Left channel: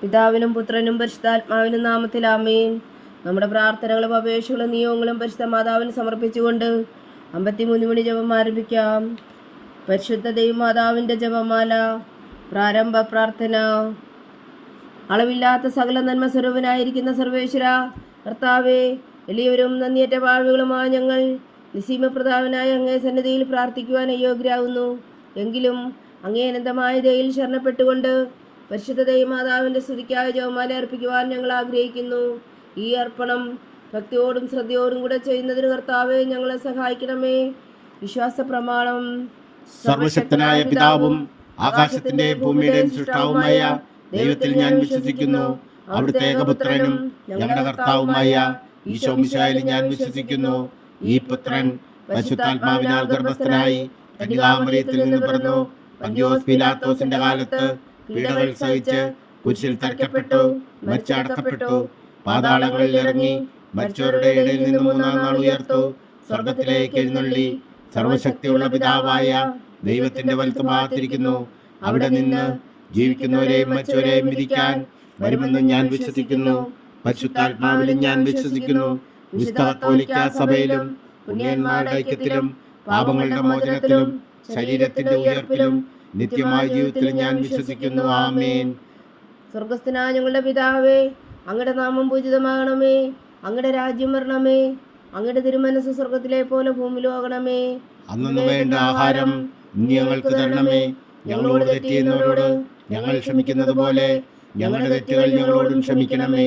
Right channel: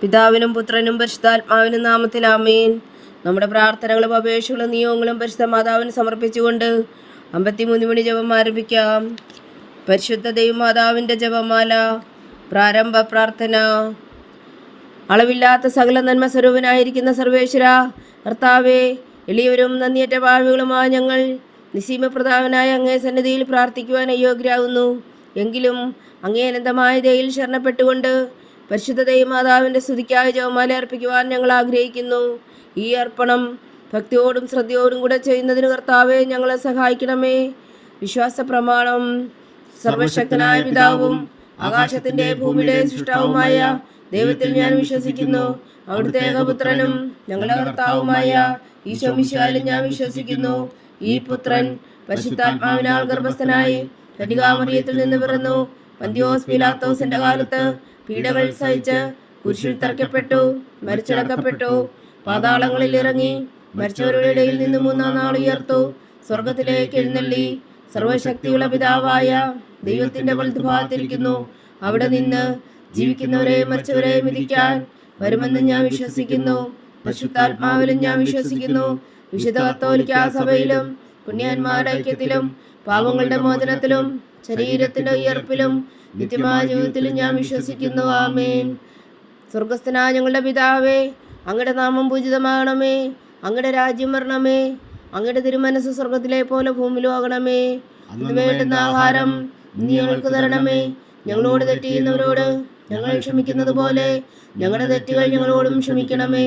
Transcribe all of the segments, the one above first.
പിതാവിനും പുത്രനും പരിശുദ്ധാത്മാവിനും നാമത്തിൽ ആമേൻ. നമ്മുടെ പ്രാർത്ഥനകളും അപേക്ഷകളും നിയോഗങ്ങളും പരിശുദ്ധ മാതാവിന് സമർപ്പിച്ചുകൊണ്ട് 53 മണി ജപം ആരംഭിക്കാം. പരിശുദ്ധ ദൈവമാതാവിൻ്റെ ജപമാല. പ്രാരംഭ പ്രാർത്ഥന. അളവില്ലാത്ത സകല നന്മ സ്വരൂപനായിരിക്കുന്ന സർവേശ്വര കർത്താവേ, എളിയവരും നന്ദിയേറ്റ പാപികളുമായ ഞങ്ങൾ നിസീമപ്രതാപനായ അങ്ങേ സന്നിധിയിൽ പ്രാർത്ഥിക്കുവാൻ അയോഗ്യരാകുന്നു. എങ്കിലും അങ്ങേ അനന്തമായ ദയയിൽ ശരണപ്പെട്ടുകൊണ്ട് പരിശുദ്ധ ദൈവമാതാവിൻ്റെ സ്തുതിക്കായി ജപമാല അർപ്പിക്കുവാൻ ഞങ്ങൾ ആഗ്രഹിക്കുന്നു. ഈ അർപ്പണം ഭക്തിയോടും ശ്രദ്ധയോടും കൂടെ ചെയ്യുന്നതിന് കർത്താവെ ഞങ്ങളെ സഹായിക്കണമേ. വിശ്വാസ പ്രമാണം. സർവശക്തനായ പിതാവും ആകാശത്തിന്റെ ഭൂമിയുടെ സൃഷ്ടാവുമായ ദൈവത്തിൽ ഞാൻ വിശ്വസിക്കുന്നു. അവിടുത്തെ ഏകപുത്രനും ഞങ്ങളുടെ കർത്താവുമായ ഈശോ മിശിഹായിൽ ഞാൻ വിശ്വസിക്കുന്നു. ഈ പുത്രൻ പരിശുദ്ധാത്മാവിനാൽ ഗർഭസ്ഥനായി കന്യകാമറിയത്തിൽ നിന്ന് പിറന്നു. പന്തിയോസ് പീലാത്തോസിന്റെ കാലത്ത് പീഡകൾ സഹിച്ച് കുരിശിൽ തറയ്ക്കപ്പെട്ടു, മരിച്ചടക്കപ്പെട്ടു, പാതാളങ്ങളിൽ ഇറങ്ങി, മരിച്ചവരുടെ ഇടയിൽ നിന്ന് 3-ാം നാൾ ഉയർത്തു, സ്വർഗത്തിലേക്ക് എഴുന്നള്ളി, സർവശക്തിയുള്ള പിതാവായ ദൈവത്തിന്റെ വലത്തുഭാഗത്തിരിക്കുന്നു. അവിടെ നിന്ന് ജീവിക്കുന്നവരെയും മരിച്ചവരെയും വിധിക്കാൻ വരുമെന്ന് ഞാൻ വിശ്വസിക്കുന്നു. പരിശുദ്ധാത്മാവിലും ഞാൻ വിശ്വസിക്കുന്നു. വിശുദ്ധ കത്തോലിക്കാ സഭയിലും പുണ്യന്മാരുടെ ഐക്യത്തിലും പാപങ്ങളുടെ മോചനത്തിലും ശരീരത്തിന്റെ ഉയർപ്പിലും നിത്യമായ ജീവിതത്തിലും ഞാൻ വിശ്വസിക്കുന്നു. ആമേൻ. സ്വർഗസ്ഥനായ ഞങ്ങളുടെ പിതാവേ, അങ്ങയുടെ നാമം പൂജിതമാകണമേ. അങ്ങയുടെ രാജ്യം വരണമേ. അങ്ങയുടെ തിരുമനസ് സ്വർഗത്തിലെ പോലെ ഭൂമിയിലും ആകണമേ. വേണ്ടുന്ന ആഹാരം ഞങ്ങൾക്ക് തരണമേ. ഞങ്ങളോട് തെറ്റ് ചെയ്യുന്നവരോട് ഞങ്ങൾ ക്ഷമിക്കുന്നത് പോലെ ഞങ്ങളുടെ തെറ്റുകൾ ഞങ്ങളോടും ക്ഷമിക്കണമേ.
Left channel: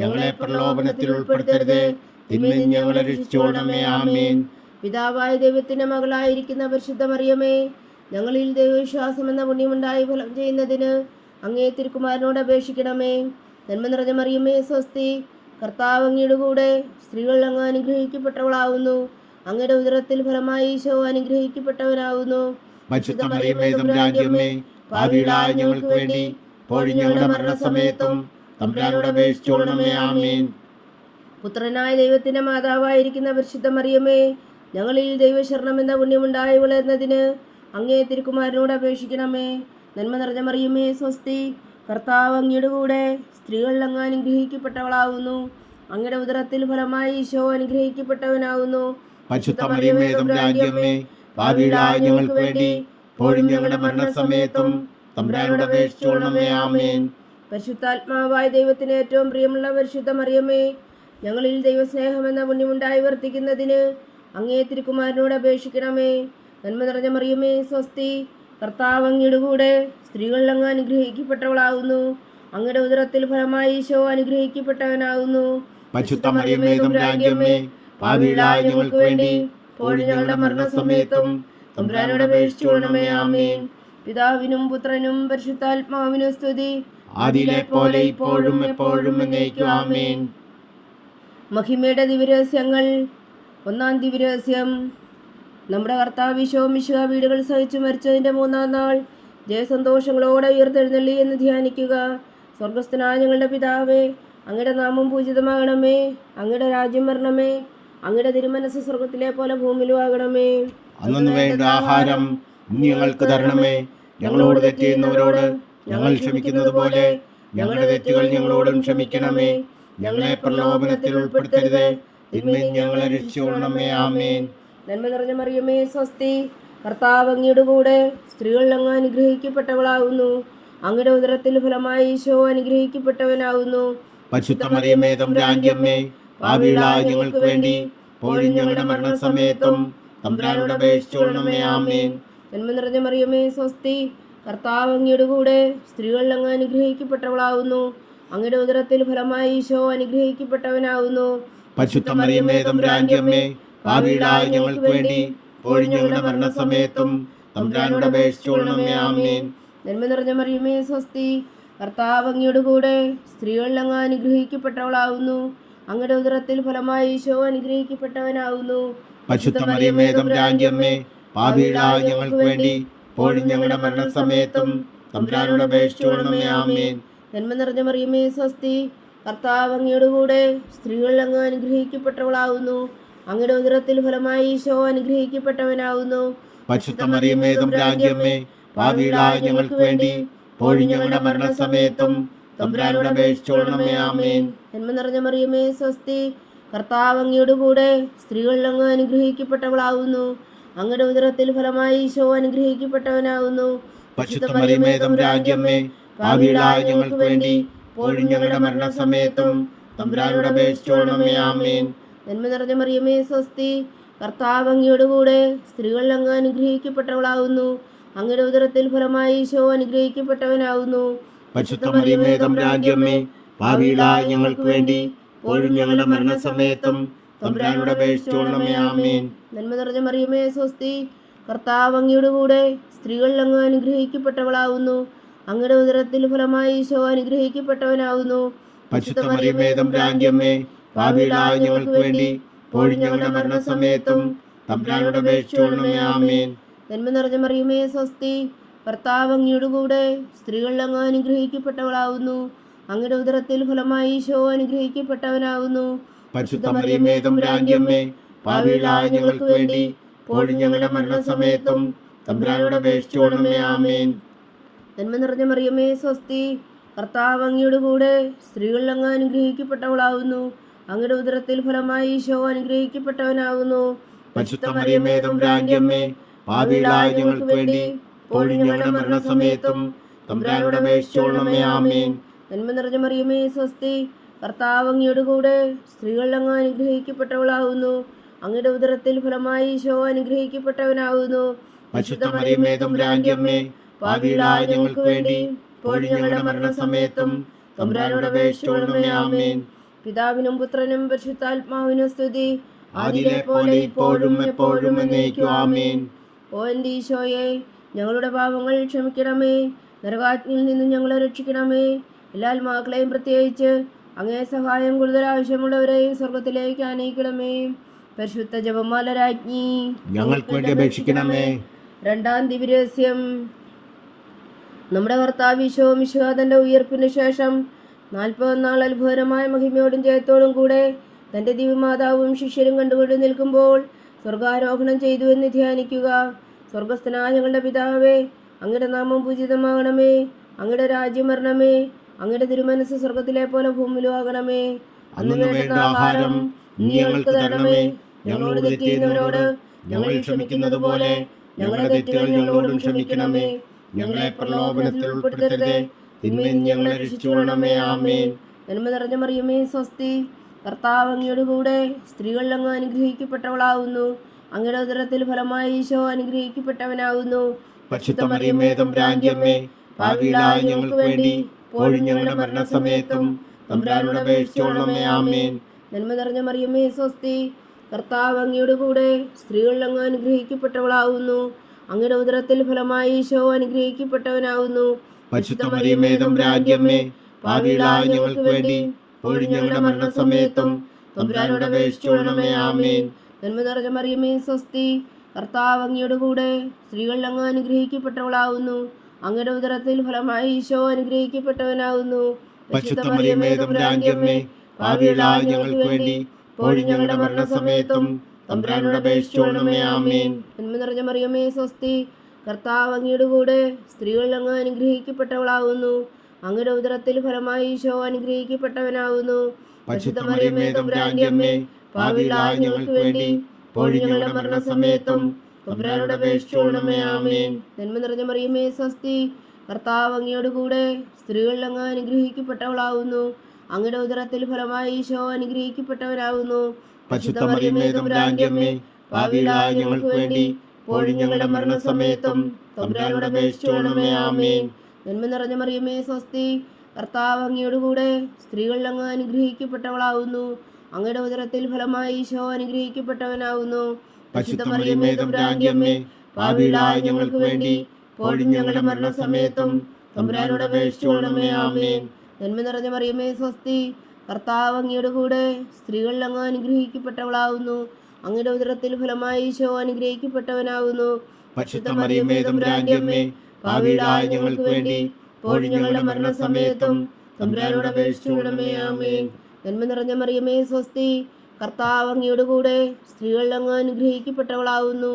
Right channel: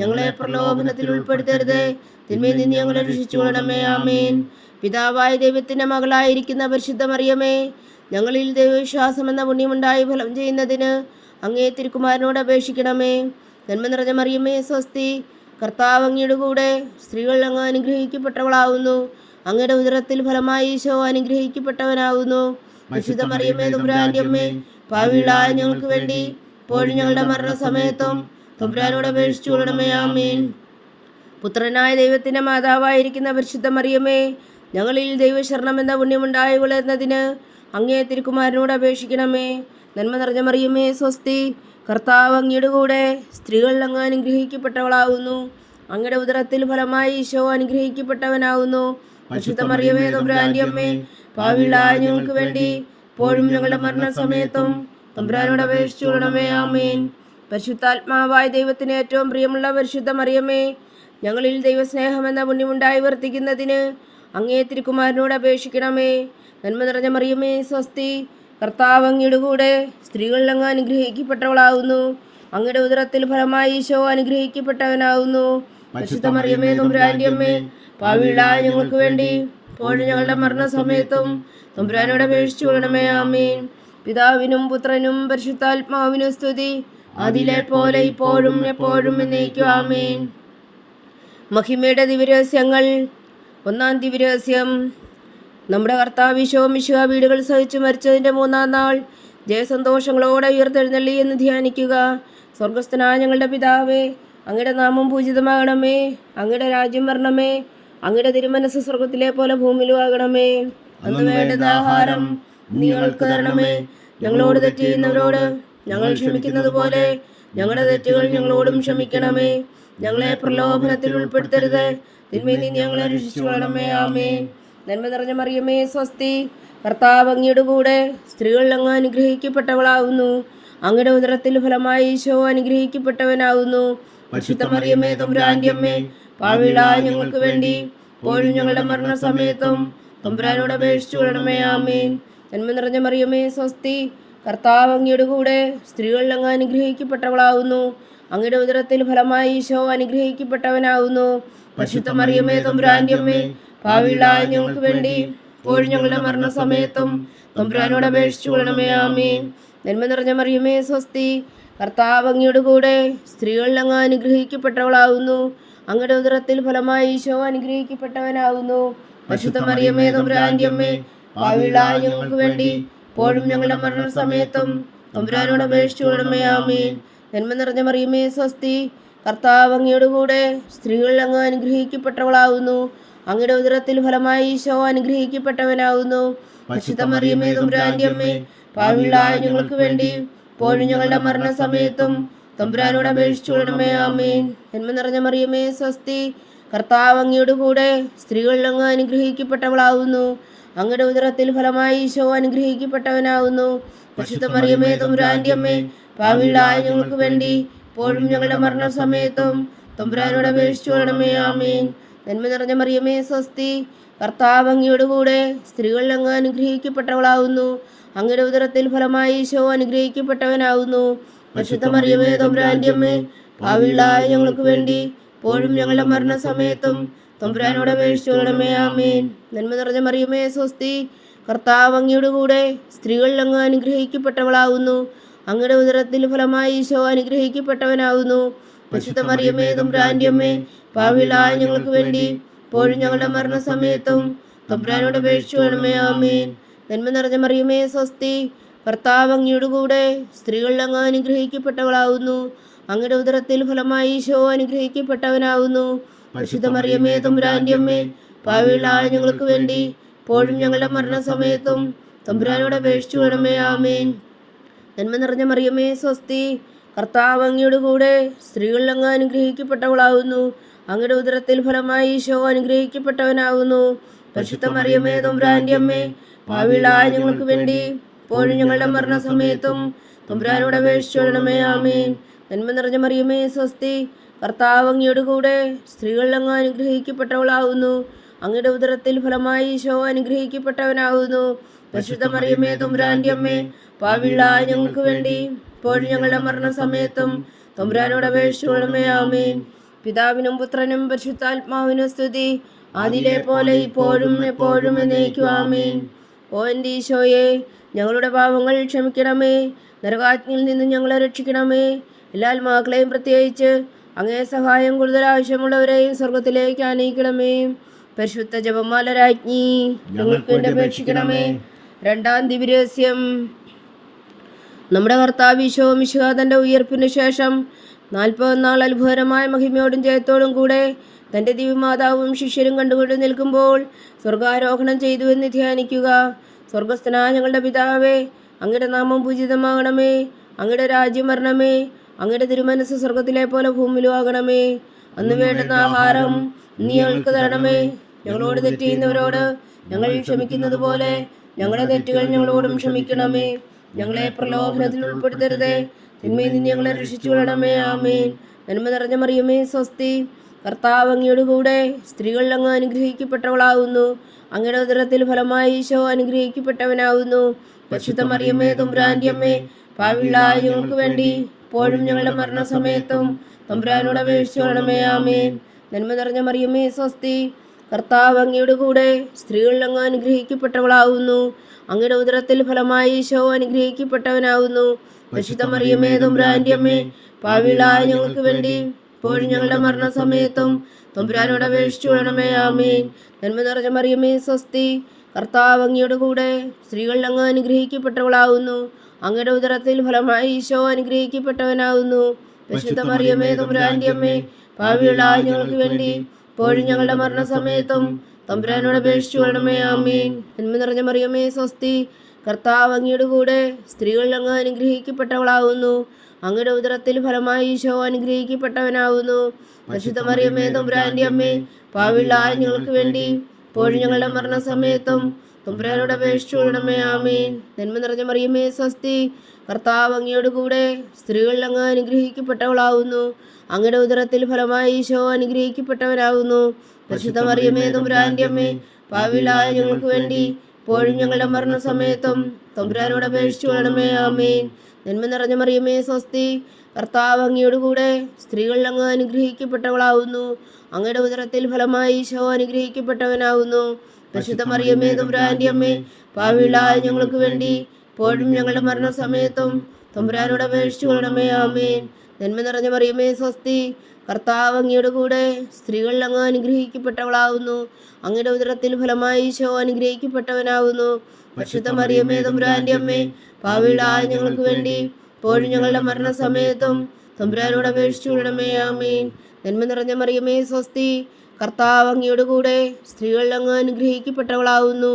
ഞങ്ങളെ പ്രലോഭനത്തിൽ ഉൾപ്പെടുത്തരുത്, തിന്മയിൽ നിന്ന് ഞങ്ങളെ രക്ഷിച്ചുകൊള്ളണമേ. ആമേൻ. പിതാവായ ദൈവത്തിന്റെ മകളായിരിക്കുന്ന പരിശുദ്ധ മറിയമേ, ഞങ്ങളിൽ ദൈവവിശ്വാസം എന്ന പുണ്യമുണ്ടായി ഫലം ചെയ്യുന്നതിന് അങ്ങേ തിരുക്കുമാരനോട് അപേക്ഷിക്കണമേ. നന്മ നിറഞ്ഞ മറിയമേ, സ്വസ്തി. കർത്താവ് അങ്ങയുടെ കൂടെ, സ്ത്രീകൾ അങ്ങ് അനുഗ്രഹിക്കപ്പെട്ടവളാകുന്നു. അങ്ങയുടെ ഉദരത്തിൽ ഫലമായി ഈശോ അനുഗ്രഹിക്കപ്പെട്ടവനാകുന്നു. പരിശുദ്ധ മറിയമേ, തമ്പുരാന്റെ അമ്മേ, പാപികളായ ഞങ്ങൾക്ക് വേണ്ടി ഇപ്പോഴും ഞങ്ങളുടെ മരണസമയത്തും തമ്പുരാനോട് അപേക്ഷിച്ചുകൊള്ളണമേ. ആമേൻ. പുത്രനായ ദൈവത്തിന്റെ മാതാവായിരിക്കുന്ന പരിശുദ്ധ മറിയമേ, ഞങ്ങളിൽ ദൈവശരണം എന്ന പുണ്യമുണ്ടായി വളരുന്നതിന് അങ്ങേ തിരുക്കുമാരനോട് അപേക്ഷിക്കണമേ. നന്മ നിറഞ്ഞ മറിയമേ, സ്വസ്തി. കർത്താവ് അങ്ങയുടെ കൂടെ, സ്ത്രീകൾ അങ്ങ് അനുഗ്രഹിക്കപ്പെട്ടവളാകുന്നു. അങ്ങയുടെ ഉദരത്തിൽ ഫലമായി ഈശോ അനുഗ്രഹിക്കപ്പെട്ടവനാകുന്നു. പരിശുദ്ധ മറിയമേ, തമ്പുരാന്റെ അമ്മേ, പാപികളായ ഞങ്ങൾക്ക് വേണ്ടി ഇപ്പോഴും ഞങ്ങളുടെ മരണസമയത്തും തമ്പുരാനോട് അപേക്ഷിച്ചുകൊള്ളണമേ. ആമേൻ. പരിശുദ്ധാത്മാവായ ദൈവത്തിന് ഏറ്റവും പ്രിയമുള്ള പരിശുദ്ധ മറിയമേ, ഞങ്ങളിൽ ദൈവസ്നേഹം എന്ന പുണ്യമുണ്ടായി വർത്തിക്കുന്നതിന് അങ്ങേ തിരുക്കുമാരനോട് അപേക്ഷിക്കണമേ. നന്മ നിറഞ്ഞ മറിയമേ, സ്വസ്തി. കർത്താവ് അങ്ങയുടെ കൂടെ, സ്ത്രീകൾ അങ്ങ് അനുഗ്രഹിക്കപ്പെട്ടവളാകുന്നു. അങ്ങയുടെ ഉദരത്തിൽ ഫലമായി ഈശോ അനുഗ്രഹിക്കപ്പെട്ടവനാകുന്നു. പരിശുദ്ധ മറിയമേ, തമ്പുരാന്റെ അമ്മേ, പാപികളായ ഞങ്ങൾക്ക് വേണ്ടി ഇപ്പോഴും ഞങ്ങളുടെ മരണസമയത്തും തമ്പുരാനോട് അപേക്ഷിച്ചുകൊള്ളണമേ. ആമേൻ. പിതാവിനും പുത്രനും പരിശുദ്ധാത്മാവിനും സ്തുതി, ആദിയിലെ പോലെ ഇപ്പോഴും എപ്പോഴും എന്നേക്കും. ആമേൻ. മഹിമയുടെ ദിവ്യരഹസ്യങ്ങൾ. 1-ാം ദിവ്യരഹസ്യം. നമ്മുടെ കർത്താവ് ഈശോ മിശിഹാ വീടുകൾ സഹിച്ചു മരിച്ചതിൻ്റെ 3-ാം നാൾ ജയസന്തോഷങ്ങളോടെ ഉയർത്തെഴുന്നള്ളി എന്ന് ധ്യാനിക്കുക. സ്വർഗസ്ഥനായ ഞങ്ങളുടെ പിതാവേ, അങ്ങയുടെ നാമം പൂജിതമാകണമേ. അങ്ങയുടെ രാജ്യം വരണമേ. അങ്ങയുടെ തിരുമനസ് സ്വർഗത്തിലെ പോലെ ഭൂമിയിലും ആകണമേ. അന്ന് വേണ്ട ആഹാരം ഞങ്ങൾക്ക് തരണമേ. ഞങ്ങളോട് തെറ്റ് ചെയ്യുന്നവരോട് ഞങ്ങൾ ക്ഷമിക്കുന്നത് പോലെ ഞങ്ങളുടെ തെറ്റുകൾ ഞങ്ങളോടും ക്ഷമിക്കണമേ. ഞങ്ങളെ പ്രലോഭനത്തിൽ ഉൾപ്പെടുത്തരുത്, തിന്മയിൽ നിന്ന് ഞങ്ങളെ രക്ഷിച്ചുകൊള്ളണമേ. ആമേൻ. നന്മ നിറഞ്ഞ മറിയമേ, സ്വസ്തി. കർത്താവ് അങ്ങയുടെ കൂടെ, സ്ത്രീകൾ അങ്ങ് അനുഗ്രഹിക്കപ്പെട്ടവളാകുന്നു. അങ്ങയുടെ ഉദരത്തിൽ ഫലമായി ഈശോ അനുഗ്രഹിക്കപ്പെട്ടവനാകുന്നു. പരിശുദ്ധ മറിയമേ, തമ്പുരാന്റെ അമ്മേ, പാപികളായ ഞങ്ങൾക്ക് വേണ്ടി ഇപ്പോഴും ഞങ്ങളുടെ മരണസമയത്തും തമ്പുരാനോട് അപേക്ഷിച്ചുകൊള്ളണമേ. ആമേൻ. നന്മ നിറഞ്ഞ മറിയമേ, സ്വസ്തി. കർത്താവ് അങ്ങയുടെ കൂടെ, സ്ത്രീകൾ അങ്ങ് അനുഗ്രഹിക്കപ്പെട്ടവളാകുന്നു. അങ്ങയുടെ ഉദരത്തിൽ ഫലമായി ഈശോ അനുഗ്രഹിക്കപ്പെട്ടവനാകുന്നു. പരിശുദ്ധ മറിയമേ, തമ്പുരാന്റെ അമ്മേ, പാപികളായ ഞങ്ങൾക്ക് വേണ്ടി ഇപ്പോഴും ഞങ്ങളുടെ മരണസമയത്തും തമ്പുരാനോട് അപേക്ഷിച്ചുകൊള്ളണമേ. ആമേൻ. നന്മ നിറഞ്ഞ മറിയമേ, സ്വസ്തി. കർത്താവ് അങ്ങയുടെ കൂടെ, സ്ത്രീകൾ അങ്ങ് അനുഗ്രഹിക്കപ്പെട്ടവളാകുന്നു. അങ്ങയുടെ ഉദരത്തിൽ ഫലമായി ഈശോ അനുഗ്രഹിക്കപ്പെട്ടവനാകുന്നു. പരിശുദ്ധ മറിയമേ, തമ്പുരാന്റെ അമ്മേ, പാപികളായ ഞങ്ങൾക്ക് വേണ്ടി ഇപ്പോഴും ഞങ്ങളുടെ മരണസമയത്തും തമ്പുരാനോട് അപേക്ഷിച്ചുകൊള്ളണമേ. ആമേൻ. നന്മ നിറഞ്ഞ മറിയമേ, സ്വസ്തി. കർത്താവ് അങ്ങയുടെ കൂടെ, സ്ത്രീകൾ അങ്ങ് അനുഗ്രഹിക്കപ്പെട്ടവളാകുന്നു. അങ്ങയുടെ ഉദരത്തിൽ ഫലമായി ഈശോ അനുഗ്രഹിക്കപ്പെട്ടവനാകുന്നു. പരിശുദ്ധ മറിയമേ, തമ്പുരാന്റെ അമ്മേ, പാപികളായ ഞങ്ങൾക്ക് വേണ്ടി ഇപ്പോഴും ഞങ്ങളുടെ മരണസമയത്തും തമ്പുരാനോട് അപേക്ഷിച്ചുകൊള്ളണമേ. ആമേൻ. നന്മ നിറഞ്ഞ മറിയമേ സ്വസ്തി, കർത്താവ് അങ്ങയുടെ കൂടെ സ്ത്രീകളിൽ അങ്ങ് അനുഗ്രഹിക്കപ്പെട്ടവളാകുന്നു. അങ്ങയുടെ ഉദരത്തിൽ ഫലമായി ഈശോ അനുഗ്രഹിക്കപ്പെട്ടവനാകുന്നു. പരിശുദ്ധ മറിയമേ തമ്പുരാന്റെ അമ്മേ, പാപികളായ ഞങ്ങൾക്ക് വേണ്ടി ഇപ്പോഴും ഞങ്ങളുടെ മരണസമയത്തും തമ്പുരാനോട് അപേക്ഷിച്ചുകൊള്ളണമേ. ആമേൻ. നന്മ നിറഞ്ഞ മറിയമേ സ്വസ്തി, കർത്താവ് അങ്ങയുടെ കൂടെ സ്ത്രീകളിൽ അങ്ങ് അനുഗ്രഹിക്കപ്പെട്ടവളാകുന്നു. അങ്ങയുടെ ഉദരത്തിൽ ഫലമായി ഈശോ അനുഗ്രഹിക്കപ്പെട്ടവനാകുന്നു. പരിശുദ്ധ മറിയമേ തമ്പുരാന്റെ അമ്മേ, പാപികളായ ഞങ്ങൾക്ക് വേണ്ടി ഇപ്പോഴും ഞങ്ങളുടെ മരണസമയത്തും തമ്പുരാനോട് അപേക്ഷിച്ചുകൊള്ളണമേ. ആമേൻ. നന്മ നിറഞ്ഞ മറിയമേ സ്വസ്തി, കർത്താവ് അങ്ങയുടെ കൂടെ സ്ത്രീകളിൽ അങ്ങ് അനുഗ്രഹിക്കപ്പെട്ടവളാകുന്നു. അങ്ങയുടെ ഉദരത്തിൽ ഫലമായി ഈശോ അനുഗ്രഹിക്കപ്പെട്ടവനാകുന്നു. പരിശുദ്ധ മറിയമേ തമ്പുരാന്റെ അമ്മേ, പാപികളായ ഞങ്ങൾക്ക് വേണ്ടി ഇപ്പോഴും ഞങ്ങളുടെ മരണസമയത്തും തമ്പുരാനോട് അപേക്ഷിച്ചുകൊള്ളണമേ. ആമേൻ. നന്മ നിറഞ്ഞ മറിയമേ സ്വസ്തി, കർത്താവ് അങ്ങയുടെ കൂടെ സ്ത്രീകളിൽ അങ്ങ് അനുഗ്രഹിക്കപ്പെട്ടവളാകുന്നു. അങ്ങയുടെ ഉദരത്തിൽ ഫലമായി ഈശോ അനുഗ്രഹിക്കപ്പെട്ടവനാകുന്നു. പരിശുദ്ധ മറിയമേ തമ്പുരാന്റെ അമ്മേ, പാപികളായ ഞങ്ങൾക്ക് വേണ്ടി ഇപ്പോഴും ഞങ്ങളുടെ മരണസമയത്തും തമ്പുരാനോട് അപേക്ഷിച്ചുകൊള്ളണമേ. ആമേൻ. നന്മ നിറഞ്ഞ മറിയമേ സ്വസ്തി, കർത്താവ് അങ്ങയുടെ കൂടെ സ്ത്രീകളിൽ അങ്ങ് അനുഗ്രഹിക്കപ്പെട്ടവളാകുന്നു. അങ്ങയുടെ ഉദരത്തിൽ ഫലമായി ഈശോ അനുഗ്രഹിക്കപ്പെട്ടവനാകുന്നു. പരിശുദ്ധ മറിയമേ തമ്പുരാന്റെ അമ്മേ, പാപികളായ ഞങ്ങൾക്ക് വേണ്ടി ഇപ്പോഴും ഞങ്ങളുടെ മരണസമയത്തും തമ്പുരാനോട് അപേക്ഷിച്ചുകൊള്ളണമേ. ആമേൻ. നന്മ നിറഞ്ഞ മറിയമേ സ്വസ്തി, കർത്താവ് അങ്ങയുടെ കൂടെ സ്ത്രീകളിൽ അങ്ങ് അനുഗ്രഹിക്കപ്പെട്ടവളാകുന്നു. അങ്ങയുടെ ഉദരത്തിൽ ഫലമായി ഈശോ അനുഗ്രഹിക്കപ്പെട്ടവനാകുന്നു. പരിശുദ്ധ മറിയമേ തമ്പുരാന്റെ അമ്മേ, പാപികളായ ഞങ്ങൾക്ക് വേണ്ടി ഇപ്പോഴും ഞങ്ങളുടെ മരണസമയത്തും തമ്പുരാനോട് അപേക്ഷിച്ചുകൊള്ളണമേ. ആമേൻ. പിതാവിനും പുത്രനും പരിശുദ്ധാത്മാവിനും സ്തുതി, ആദിയിലെ പോലെ ഇപ്പോഴും എപ്പോഴും എന്നേക്കും. ആമേൻ. ഓ എൻ്റെ ഈശോയെ, ഞങ്ങളുടെ പാപങ്ങൾ ക്ഷമിക്കണമേ. നരകാഗ്നിയിൽ നിന്ന് ഞങ്ങളെ രക്ഷിക്കണമേ. എല്ലാ ആത്മാക്കളെയും പ്രത്യേകിച്ച് അങ്ങേ സഹായം കൂടുതൽ ആവശ്യമുള്ളവരെയും സ്വർഗത്തിലേക്ക് ആനയിക്കണമേ. പരിശുദ്ധ ജപമാല രാജ്ഞി ഞങ്ങൾക്ക് വേണ്ടി അപേക്ഷിക്കണമേ. രണ്ടാം ദിവ്യരഹസ്യം. നമ്മുടെ കർത്താവ് ഈശോ മിശിഹാ തൻ്റെ ഉയർപ്പിന് ശേഷം 40 നാൾ അത്ഭുതകരമായ മഹിമയോടും ജയത്തോടും കൂടെ തൻ്റെ ദിവ്യമാതാവും ശിഷ്യരും കണ്ടുകൊണ്ട് നിൽക്കുമ്പോൾ സ്വർഗാരോഹണം ചെയ്തു എന്ന് ധ്യാനിക്കുക. സ്വർഗസ്ഥനായ ഞങ്ങളുടെ പിതാവേ, അങ്ങയുടെ നാമം പൂജിതമാകണമേ. അങ്ങയുടെ രാജ്യം വരണമേ. അങ്ങയുടെ തിരുമനസ് സ്വർഗത്തിലെ പോലെ ഭൂമിയിലും ആകണമേ. അന്ന് വേണ്ടുന്ന ആഹാരം നീ ഞങ്ങൾക്ക് തരണമേ. ഞങ്ങളോട് തെറ്റ് ചെയ്യുന്നവരോട് ഞങ്ങൾ ക്ഷമിക്കുന്നത് പോലെ ഞങ്ങളുടെ തെറ്റുകൾ ഞങ്ങളോടും ക്ഷമിക്കണമേ. ഞങ്ങളെ പ്രലോഭനത്തിൽ ഉൾപ്പെടുത്തരുത്, തിന്മയിൽ നിന്ന് ഞങ്ങളെ രക്ഷിച്ചുകൊള്ളണമേ. ആമേൻ. നന്മ നിറഞ്ഞ മറിയമേ സ്വസ്തി, കർത്താവ് അങ്ങയുടെ കൂടെ സ്ത്രീകളിൽ അങ്ങ് അനുഗ്രഹിക്കപ്പെട്ടവളാകുന്നു. അങ്ങയുടെ ഉദരത്തിൽ ഫലമായി ഈശോ അനുഗ്രഹിക്കപ്പെട്ടവനാകുന്നു. പരിശുദ്ധ മറിയമേ തമ്പുരാന്റെ അമ്മേ, പാപികളായ ഞങ്ങൾക്ക് വേണ്ടി ഇപ്പോഴും ഞങ്ങളുടെ മരണസമയത്തും തമ്പുരാനോട് അപേക്ഷിച്ചുകൊള്ളണമേ. ആമേൻ. നന്മ നിറഞ്ഞ മറിയമേ സ്വസ്തി, കർത്താവ് അങ്ങയുടെ കൂടെ സ്ത്രീകളിൽ അങ്ങ് അനുഗ്രഹിക്കപ്പെട്ടവളാകുന്നു. അങ്ങയുടെ ഉദരത്തിൽ ഫലമായി ഈശോ അനുഗ്രഹിക്കപ്പെട്ടവനാകുന്നു. പരിശുദ്ധ മറിയമേ തമ്പുരാന്റെ അമ്മേ, പാപികളായ ഞങ്ങൾക്ക് വേണ്ടി ഇപ്പോഴും ഞങ്ങളുടെ മരണസമയത്തും തമ്പുരാനോട് അപേക്ഷിച്ചുകൊള്ളണമേ. ആമേൻ. നന്മ നിറഞ്ഞ മറിയമേ സ്വസ്തി, കർത്താവ് അങ്ങയുടെ കൂടെ സ്ത്രീകളിൽ അങ്ങ് അനുഗ്രഹിക്കപ്പെട്ടവളാകുന്നു. അങ്ങയുടെ ഉദരത്തിൽ ഫലമായി ഈശോ അനുഗ്രഹിക്കപ്പെട്ടവനാകുന്നു. പരിശുദ്ധ മറിയമേ തമ്പുരാന്റെ അമ്മേ, പാപികളായ ഞങ്ങൾക്ക് വേണ്ടി ഇപ്പോഴും ഞങ്ങളുടെ മരണസമയത്തും തമ്പുരാനോട് അപേക്ഷിച്ചുകൊള്ളണമേ. ആമേൻ. നന്മ നിറഞ്ഞ മറിയമേ സ്വസ്തി, കർത്താവ് അങ്ങയുടെ കൂടെ സ്ത്രീകളിൽ അങ്ങ് അനുഗ്രഹിക്കപ്പെട്ടവളാകുന്നു. അങ്ങയുടെ ഉദരത്തിൽ ഫലമായി ഈശോ അനുഗ്രഹിക്കപ്പെട്ടവനാകുന്നു. പരിശുദ്ധ മറിയമേ തമ്പുരാന്റെ അമ്മേ, പാപികളായ ഞങ്ങൾക്ക് വേണ്ടി ഇപ്പോഴും ഞങ്ങളുടെ മരണസമയത്തും തമ്പുരാനോട് അപേക്ഷിച്ചുകൊള്ളണമേ. ആമേൻ. നന്മ നിറഞ്ഞ മറിയമേ സ്വസ്തി, കർത്താവ് അങ്ങയുടെ കൂടെ സ്ത്രീകളിൽ അങ്ങ് അനുഗ്രഹിക്കപ്പെട്ടവളാകുന്നു. അങ്ങയുടെ ഉദരത്തിൽ ഫലമായി ഈശോ അനുഗ്രഹിക്കപ്പെട്ടവനാകുന്നു. പരിശുദ്ധ മറിയമേ തമ്പുരാന്റെ അമ്മേ, പാപികളായ ഞങ്ങൾക്ക് വേണ്ടി ഇപ്പോഴും ഞങ്ങളുടെ മരണസമയത്തും തമ്പുരാനോട് അപേക്ഷിച്ചുകൊള്ളണമേ. ആമേൻ. നന്മ നിറഞ്ഞ മറിയമേ സ്വസ്തി, കർത്താവ് അങ്ങയുടെ കൂടെ സ്ത്രീകളിൽ അങ്ങ് അനുഗ്രഹിക്കപ്പെട്ടവളാകുന്നു. അങ്ങയുടെ ഉദരത്തിൽ ഫലമായി ഈശോ അനുഗ്രഹിക്കപ്പെട്ടവനാകുന്നു. പരിശുദ്ധ മറിയമേ തമ്പുരാന്റെ അമ്മേ, പാപികളായ ഞങ്ങൾക്ക് വേണ്ടി ഇപ്പോഴും ഞങ്ങളുടെ മരണസമയത്തും തമ്പുരാനോട് അപേക്ഷിച്ചുകൊള്ളണമേ. ആമേൻ. നന്മ നിറഞ്ഞ മറിയമേ സ്വസ്തി, കർത്താവ് അങ്ങയുടെ കൂടെ സ്ത്രീകളിൽ അങ്ങ് അനുഗ്രഹിക്കപ്പെട്ടവളാകുന്നു. അങ്ങയുടെ ഉദരത്തിൽ ഫലമായി ഈശോ അനുഗ്രഹിക്കപ്പെട്ടവനാകുന്നു. പരിശുദ്ധ മറിയമേ തമ്പുരാന്റെ അമ്മേ, പാപികളായ ഞങ്ങൾക്ക് വേണ്ടി ഇപ്പോഴും ഞങ്ങളുടെ മരണസമയത്തും തമ്പുരാനോട് അപേക്ഷിച്ചുകൊള്ളണമേ. ആമേൻ. നന്മ നിറഞ്ഞ മറിയമേ സ്വസ്തി, കർത്താവ് അങ്ങയുടെ കൂടെ സ്ത്രീകളിൽ അങ്ങ് അനുഗ്രഹിക്കപ്പെട്ടവളാകുന്നു.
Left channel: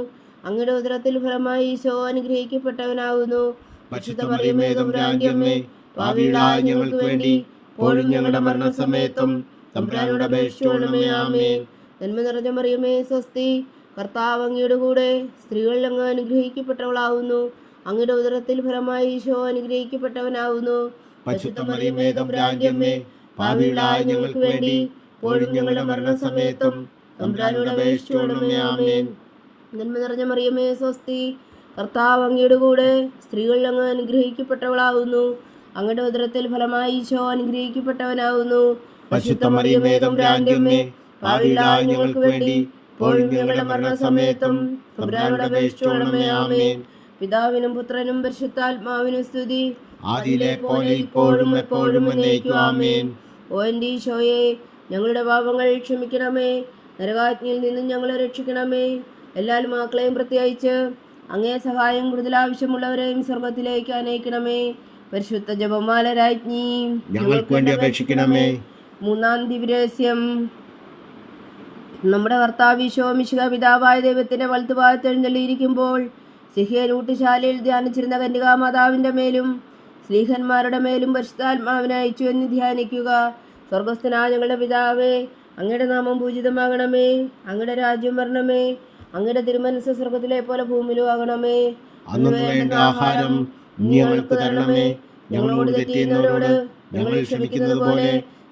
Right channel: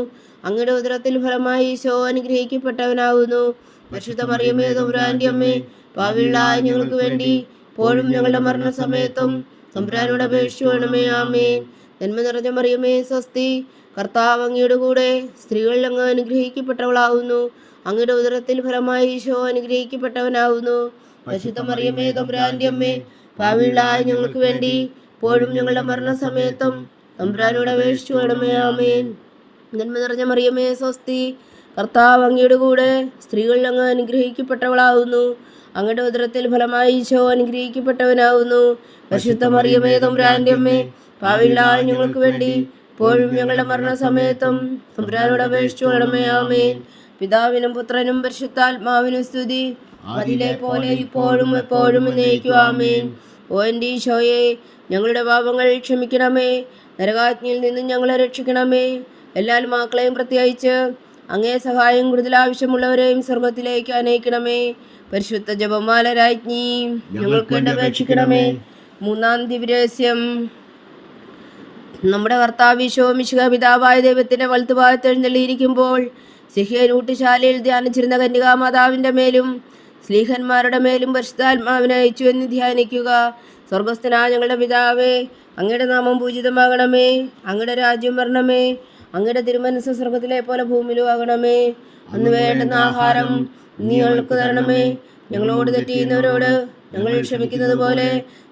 അങ്ങയുടെ ഉദരത്തിൽ ഫലമായി ഈശോ അനുഗ്രഹിക്കപ്പെട്ടവനാകുന്നു. പരിശുദ്ധ മറിയമേ തമ്പുരാന്റെ അമ്മേ, പാപികളായ ഞങ്ങൾക്ക് വേണ്ടി ഇപ്പോഴും ഞങ്ങളുടെ മരണസമയത്തും തമ്പുരാനോട് അപേക്ഷിക്കണമേ. ആമേൻ. നന്മ നിറഞ്ഞ മറിയമേ സ്വസ്തി, കർത്താവ് അങ്ങയുടെ കൂടെ സ്ത്രീകളിൽ അങ്ങ് അനുഗ്രഹിക്കപ്പെട്ടവളാകുന്നു. അങ്ങയുടെ ഉദരത്തിൽ ഫലമായി ഈശോ അനുഗ്രഹിക്കപ്പെട്ടവനാകുന്നു. പരിശുദ്ധ മറിയമേ തമ്പുരാന്റെ അമ്മേ, പാപികളായ ഞങ്ങൾക്ക് വേണ്ടി ഇപ്പോഴും ഞങ്ങളുടെ മരണസമയത്തും തമ്പുരാനോട് അപേക്ഷിക്കണമേ. ആമേൻ. നന്മ നിറഞ്ഞ മറിയമേ സ്വസ്തി, കർത്താവ് അങ്ങയുടെ കൂടെ സ്ത്രീകളിൽ അങ്ങ് അനുഗ്രഹിക്കപ്പെട്ടവളാകുന്നു. അങ്ങയുടെ ഉദരത്തിൽ ഫലമായി ഈശോ അനുഗ്രഹിക്കപ്പെട്ടവനാകുന്നു. പരിശുദ്ധ മറിയമേ തമ്പുരാന്റെ അമ്മേ, പാപികളായ ഞങ്ങൾക്ക് വേണ്ടി ഇപ്പോഴും ഞങ്ങളുടെ മരണസമയത്തും തമ്പുരാനോട് അപേക്ഷിക്കണമേ. ആമേൻ. പിതാവിനും പുത്രനും പരിശുദ്ധാത്മാവിനും സ്തുതി, അതിലെ പോലെ ഇപ്പോഴും എപ്പോഴും എന്നേക്കും. ആമേൻ. ഓ എൻ്റെ ഈശോയെ, ഞങ്ങളുടെ പാപങ്ങൾ ക്ഷമിക്കണമേ. നരകാഗ്നിയിൽ നിന്നും ഞങ്ങളെ രക്ഷിക്കണമേ. എല്ലാ ആത്മാക്കളെയും പ്രത്യേകിച്ച് അങ്ങേ സഹായം കൂടുതൽ ആവശ്യമുള്ളവരെയും സ്വർഗത്തിലേക്ക് അനയിക്കണമേ. പരിശുദ്ധ ജപമാല രാജ്ഞി, ഞങ്ങൾക്ക് വേണ്ടി അപേക്ഷിക്കണമേ. മൂന്നാം ദിവ്യരഹസ്യം. നമ്മുടെ കർത്താവ് ഈശോ മിശിഹ പിതാവായ ദൈവത്തിന്റെ വലത്തുഭാഗത്ത് എഴുന്നള്ളിയിരിക്കുമ്പോൾ സിഹിയൻ ഊട്ടുശാലയിൽ ധ്യാനിച്ചിരുന്ന കന്യകാമാതാവിന്റെ മേലും സ്ലീഹന്മാരുടെ മേലും പരിശുദ്ധാത്മാവിനെ അയച്ചു എന്ന് ധ്യാനിക്കുക. സ്വർഗസ്ഥനായ ഞങ്ങളുടെ പിതാവേ, അങ്ങയുടെ നാമം പൂജിതമാകണമേ. അങ്ങയുടെ രാജ്യം വരണമേ. അങ്ങയുടെ തിരുമനസ്സ് സ്വർഗത്തിലെ പോലെ ഭൂമിയിലും ആകണമേ. അന്ന് വേണ്ടുന്ന ആഹാരം നീ ഞങ്ങൾക്ക് തരണമേ. ഞങ്ങളോട് തെറ്റ് ചെയ്യുന്നവരോട് ഞങ്ങൾ ക്ഷമിക്കുന്നത് പോലെ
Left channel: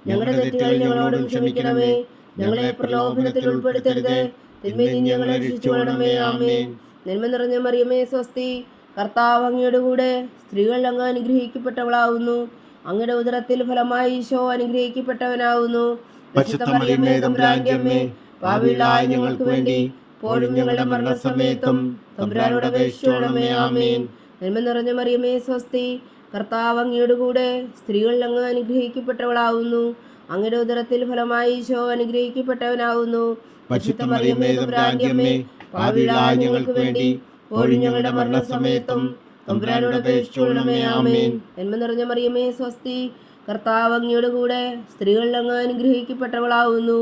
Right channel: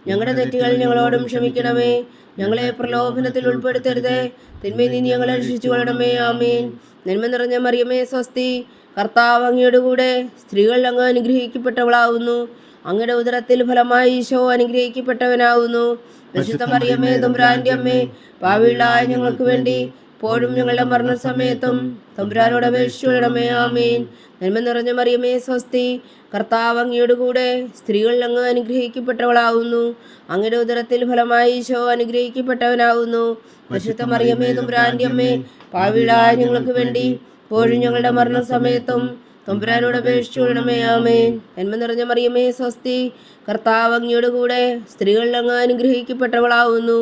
ഞങ്ങളുടെ തെറ്റുകൾ ഞങ്ങളോടും ക്ഷമിക്കണമേ. ഞങ്ങളെ പ്രലോഭനത്തിൽ ഉൾപ്പെടുത്തരുത്, തിന്മയിൽ നിന്ന് ഞങ്ങളെ രക്ഷിച്ചു കൊള്ളണമേ. ആമേൻ. നന്മ നിറഞ്ഞ മറിയമേ സ്വസ്തി, കർത്താവ് അങ്ങയുടെ കൂടെ സ്ത്രീകൾ അങ്ങ് അനുഗ്രഹിക്കപ്പെട്ടവളാകുന്നു. അങ്ങയുടെ ഉദരത്തിൽ ഫലമായി ഈശോ അനുഗ്രഹിക്കപ്പെട്ടവനാകുന്നു. പരിശുദ്ധ മറിയമേ തമ്പുരാന്റെ അമ്മേ, പാപികളായ ഞങ്ങൾക്ക് വേണ്ടി ഇപ്പോഴും ഞങ്ങളുടെ മരണസമയത്തും തമ്പുരാനോട് അപേക്ഷിക്കണമേ. ആമേൻ. നന്മ നിറഞ്ഞ മറിയമേ സ്വസ്തി, കർത്താവ് അങ്ങയുടെ കൂടെ സ്ത്രീകൾ അങ്ങ് അനുഗ്രഹിക്കപ്പെട്ടവളാകുന്നു. അങ്ങയുടെ ഉദരത്തിൽ ഫലമായി ഈശോ അനുഗ്രഹിക്കപ്പെട്ടവനാകുന്നു. പരിശുദ്ധ മറിയമേ തമ്പുരാന്റെ അമ്മേ, പാപികളായ ഞങ്ങൾക്ക് വേണ്ടി ഇപ്പോഴും ഞങ്ങളുടെ മരണസമയത്തും തമ്പുരാനോട് അപേക്ഷിക്കണമേ. ആമേൻ. നന്മ നിറഞ്ഞ മറിയമേ സ്വസ്തി, കർത്താവ് അങ്ങയുടെ കൂടെ സ്ത്രീകളിൽ അങ്ങ് അനുഗ്രഹിക്കപ്പെട്ടവളാകുന്നു.